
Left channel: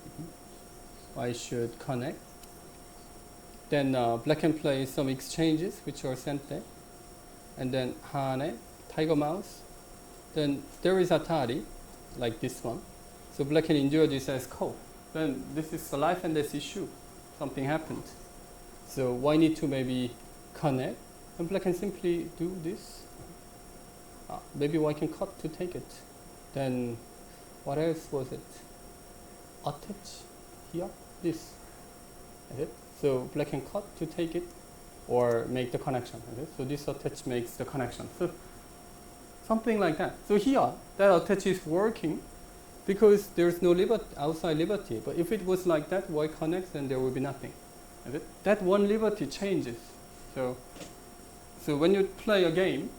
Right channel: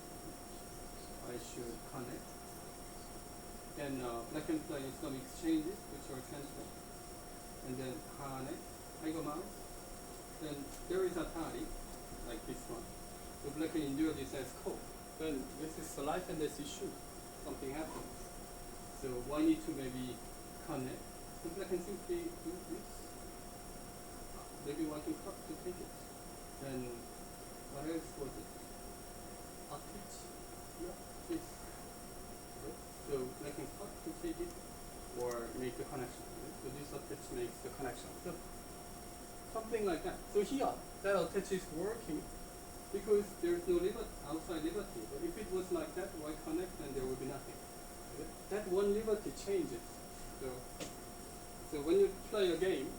Why should connect? Then black can play some exchanges, which are center. And then Hane, tiger mouse. Then there is Atari, like this one. So black can endure this as cold. Then this is a life and death issue. Something happened. So why need to maybe connect? And black can simply do this. Maybe white can cut to take it. Then what else was it? Attach here, this. Okay. So black can cut to take it or make the connection. Okay. So this attach makes the connection. So something like that. So here, that attach is working because there's no outside liberty. But if it was like that, white connects, then there will be nothing. Okay. That one liberty changes. So when you play a game,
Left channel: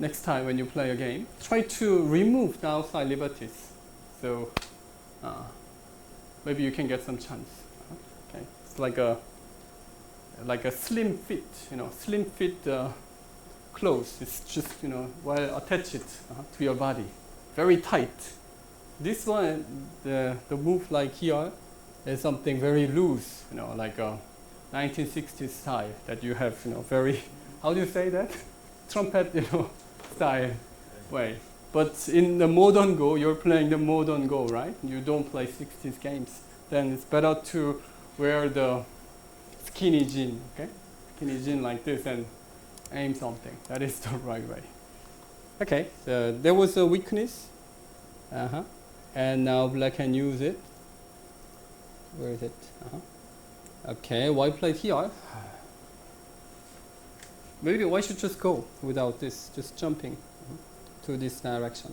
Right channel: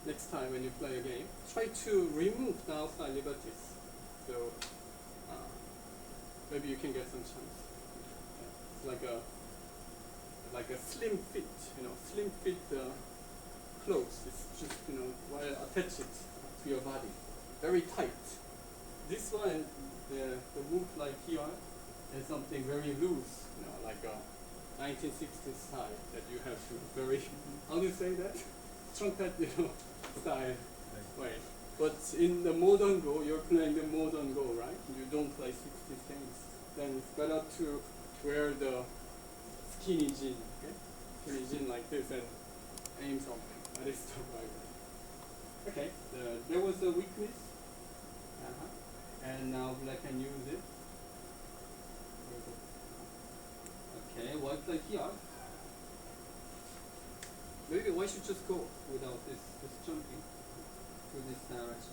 next time when you play a game, try to remove the outside liberties. So maybe you can get some chance. Okay. It's like a slim fit, slim fit clothes. It's just, well, attach it to your body, very tight. This one, the move like here is something very loose, like a 1960s style that you have, very, how do you say that? Trumpet, style way. But in the modern Go, you're playing the modern Go, right? You don't play 60s games. Then it's better to wear the skinny jean, okay? Skinny jean like this and aim something. That is the right way. Okay, there was a weakness. And now black can use it. Where is it? Okay, white played here. Maybe white should just go without this, just jumping to this direction.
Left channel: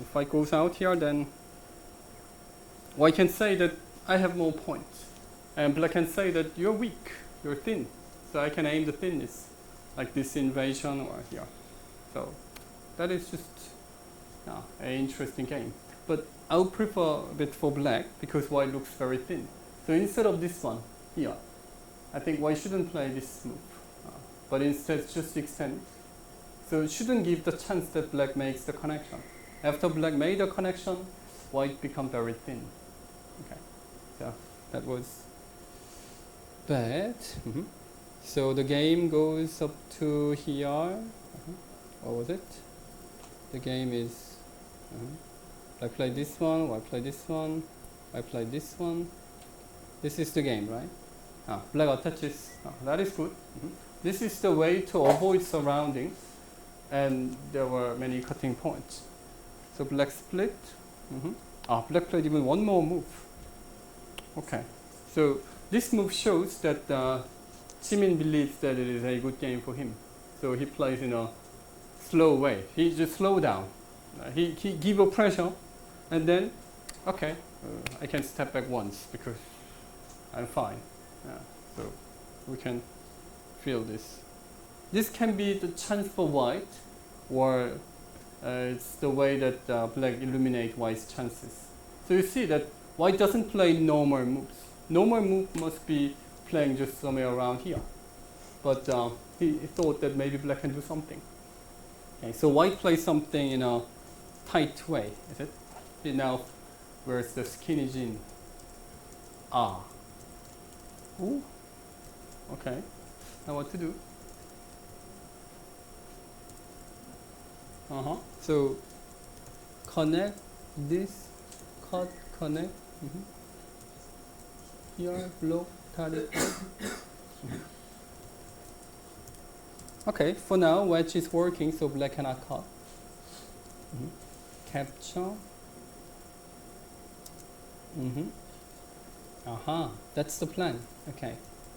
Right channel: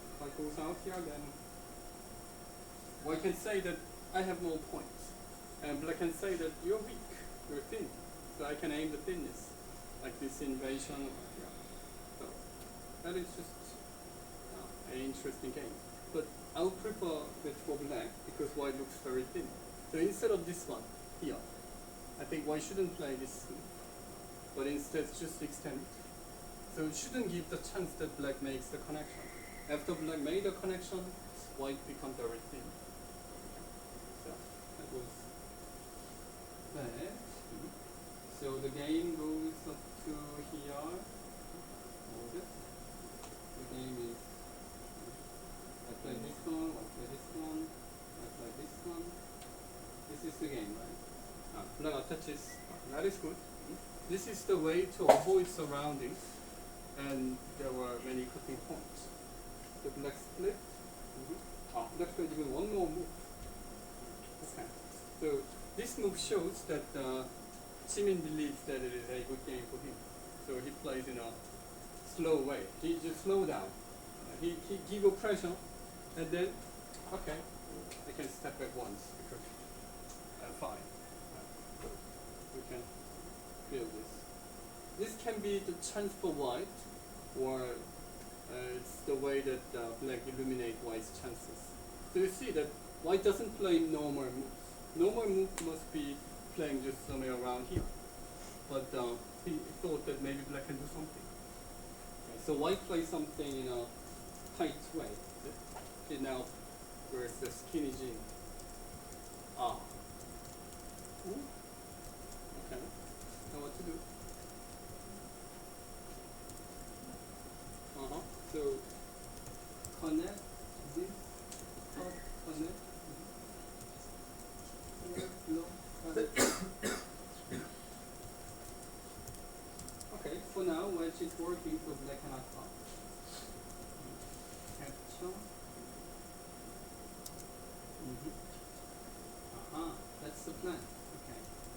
If white goes out here, then white can say that I have more points. And black can say that you're weak, you're thin. So I can aim the thinness, like this invasion or here. So that is just an interesting game. But I would prefer a bit for black because white looks very thin. So instead of this one here, I think white shouldn't play this move, but instead just extend. So it shouldn't give the chance that black makes the connection. After black made a connection, white becomes very thin. Okay, so that was bad. So the game goes up to here. What was it? The game is. I play this one, I play this one, I play this one. This is the game, right? Black attaches. That is good. This is the way to avoid surroundings, and there were many cutting points. So black split. Black played even one more move. Okay. So this move shows that Chimin believes that it is a good game for him. So he plays in a slow way. He just slow down. He give a pressure. And then, okay, I can step back once because I'm fine. So we can feel this. This can be the chance for white, or it's the way that black illuminate white's chances. So you see that white doesn't play normal moves. Normal move must be playing just somewhere around here. But he thought that maybe black can do something. Okay, so white plays something in a tight way, is it? Now, where's the skinny jean? Ooh. Okay. Now what to do? So connect this, connect. Here, block, cut it. Okay, for now, wedge is working, so black cannot cut. Capture. That's the plan. Okay.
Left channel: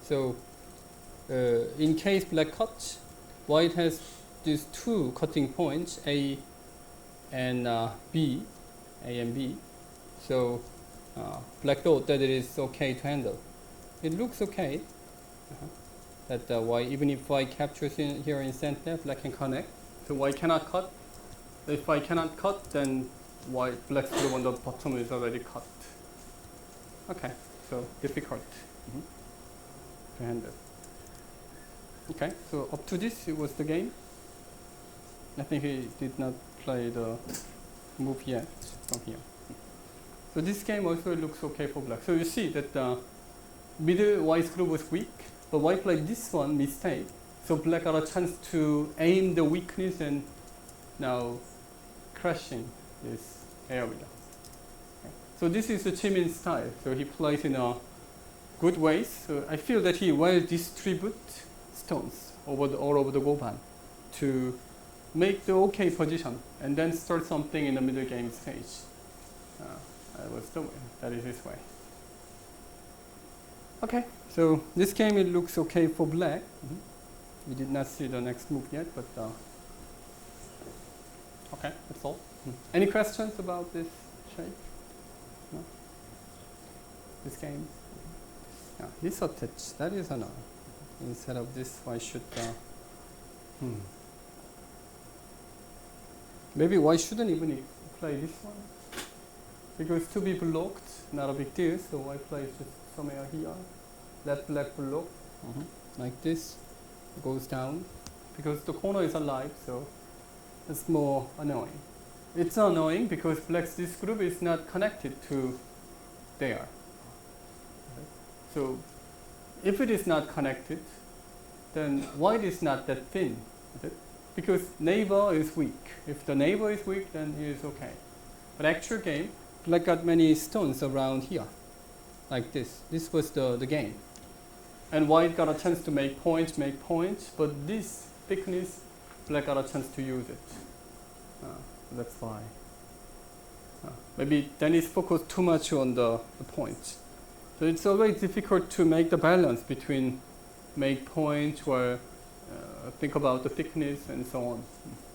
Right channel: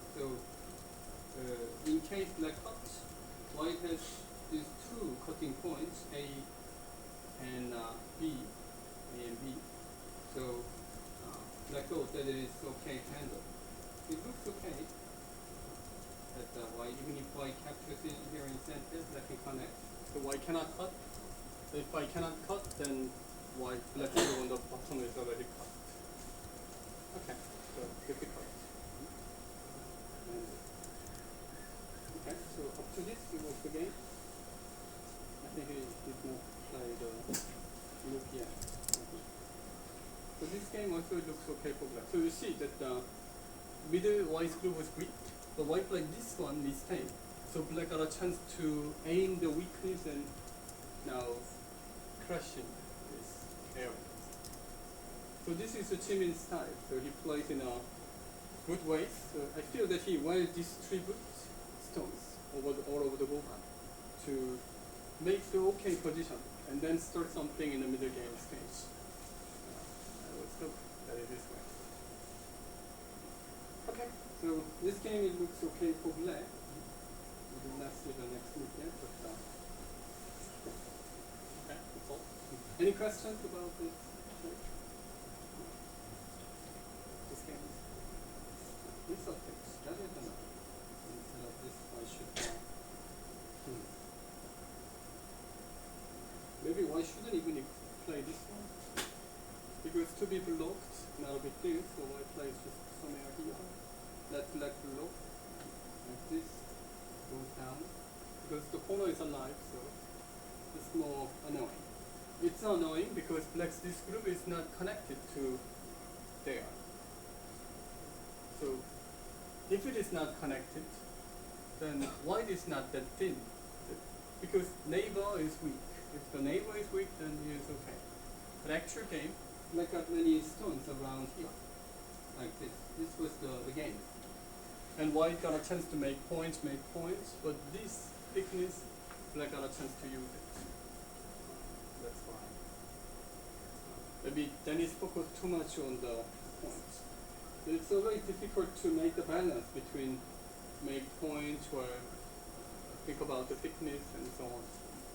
So in case black cuts, white has these two cutting points, A and B, A and B. So black thought that it is okay to handle. It looks okay. That white, even if white captures in here in center, black can connect. So white cannot cut. If white cannot cut, then white black on the bottom is already cut. Okay, so difficult to handle. Okay, so up to this it was the game. I think he did not play the move yet from here. So this game also looks okay for black. So you see that the middle white group was weak, but white played this one mistake. So black got a chance to aim the weakness and now crashing this area. So this is the Chimin style. So he plays in a good way. So I feel that he will distribute stones all over the goban to make the okay position and then start something in the middle game stage. That is this way. Okay, so this game it looks okay for black. We did not see the next move yet, but okay, that's all. Any questions about this shape? No? This game? Yeah, this touch, that is another. Instead of this, why should maybe why shouldn't even play this one? Because to be blocked, not a big deal, so why play just somewhere here? Let black block, like this, goes down. Because the corner is alive, so it's more annoying. It's annoying because black's this group is not connected to there. So if it is not connected, then white is not that thin. Because neighbor is weak. If the neighbor is weak, then he is okay. But actual game, black got many stones around here, like this. This was the game. And white got a chance to make points, but this thickness, black got a chance to use it. That's why. Maybe Denis focused too much on the points. So it's always difficult to make the balance between make points or think about the thickness and so on.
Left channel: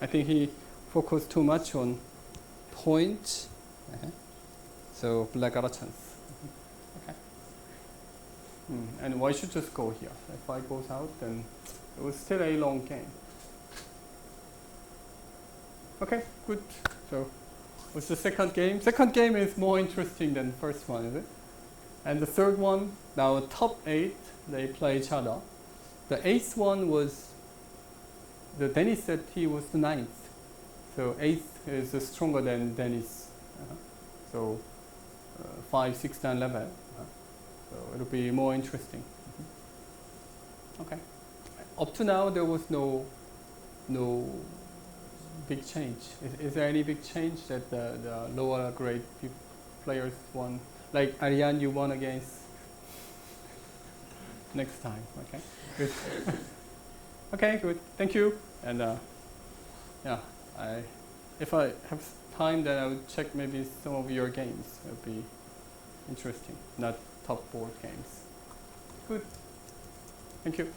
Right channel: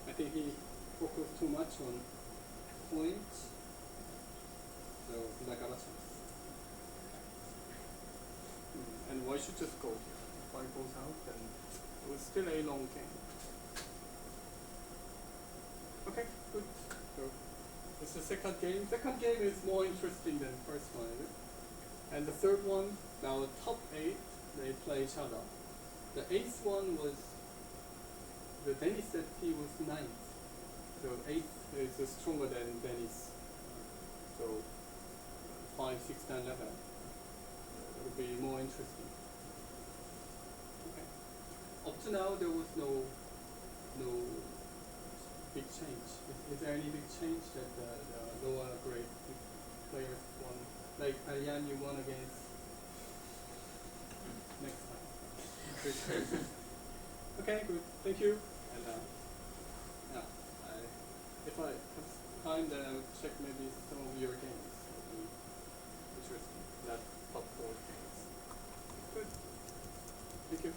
I think he focused too much on points. So black got a chance. And white should just go here. If white goes out, then it was still a long game. Okay, good. So what's the second game? Second game is more interesting than the first one, is it? And the third one, now top 8, they play each other. The 8th one was, the Denis said he was the 9th. So 8th is stronger than Denis. So 5, 6, and 11. So it'll be more interesting. Okay. Up to now, there was no big change. Is there any big change that the lower grade players won? Like Ariane, you won against next time. Okay. Good. Okay. Good. Thank you. And yeah, if I have time, then I'll check maybe some of your games. It'll be interesting. Not top board games. Good. Thank you.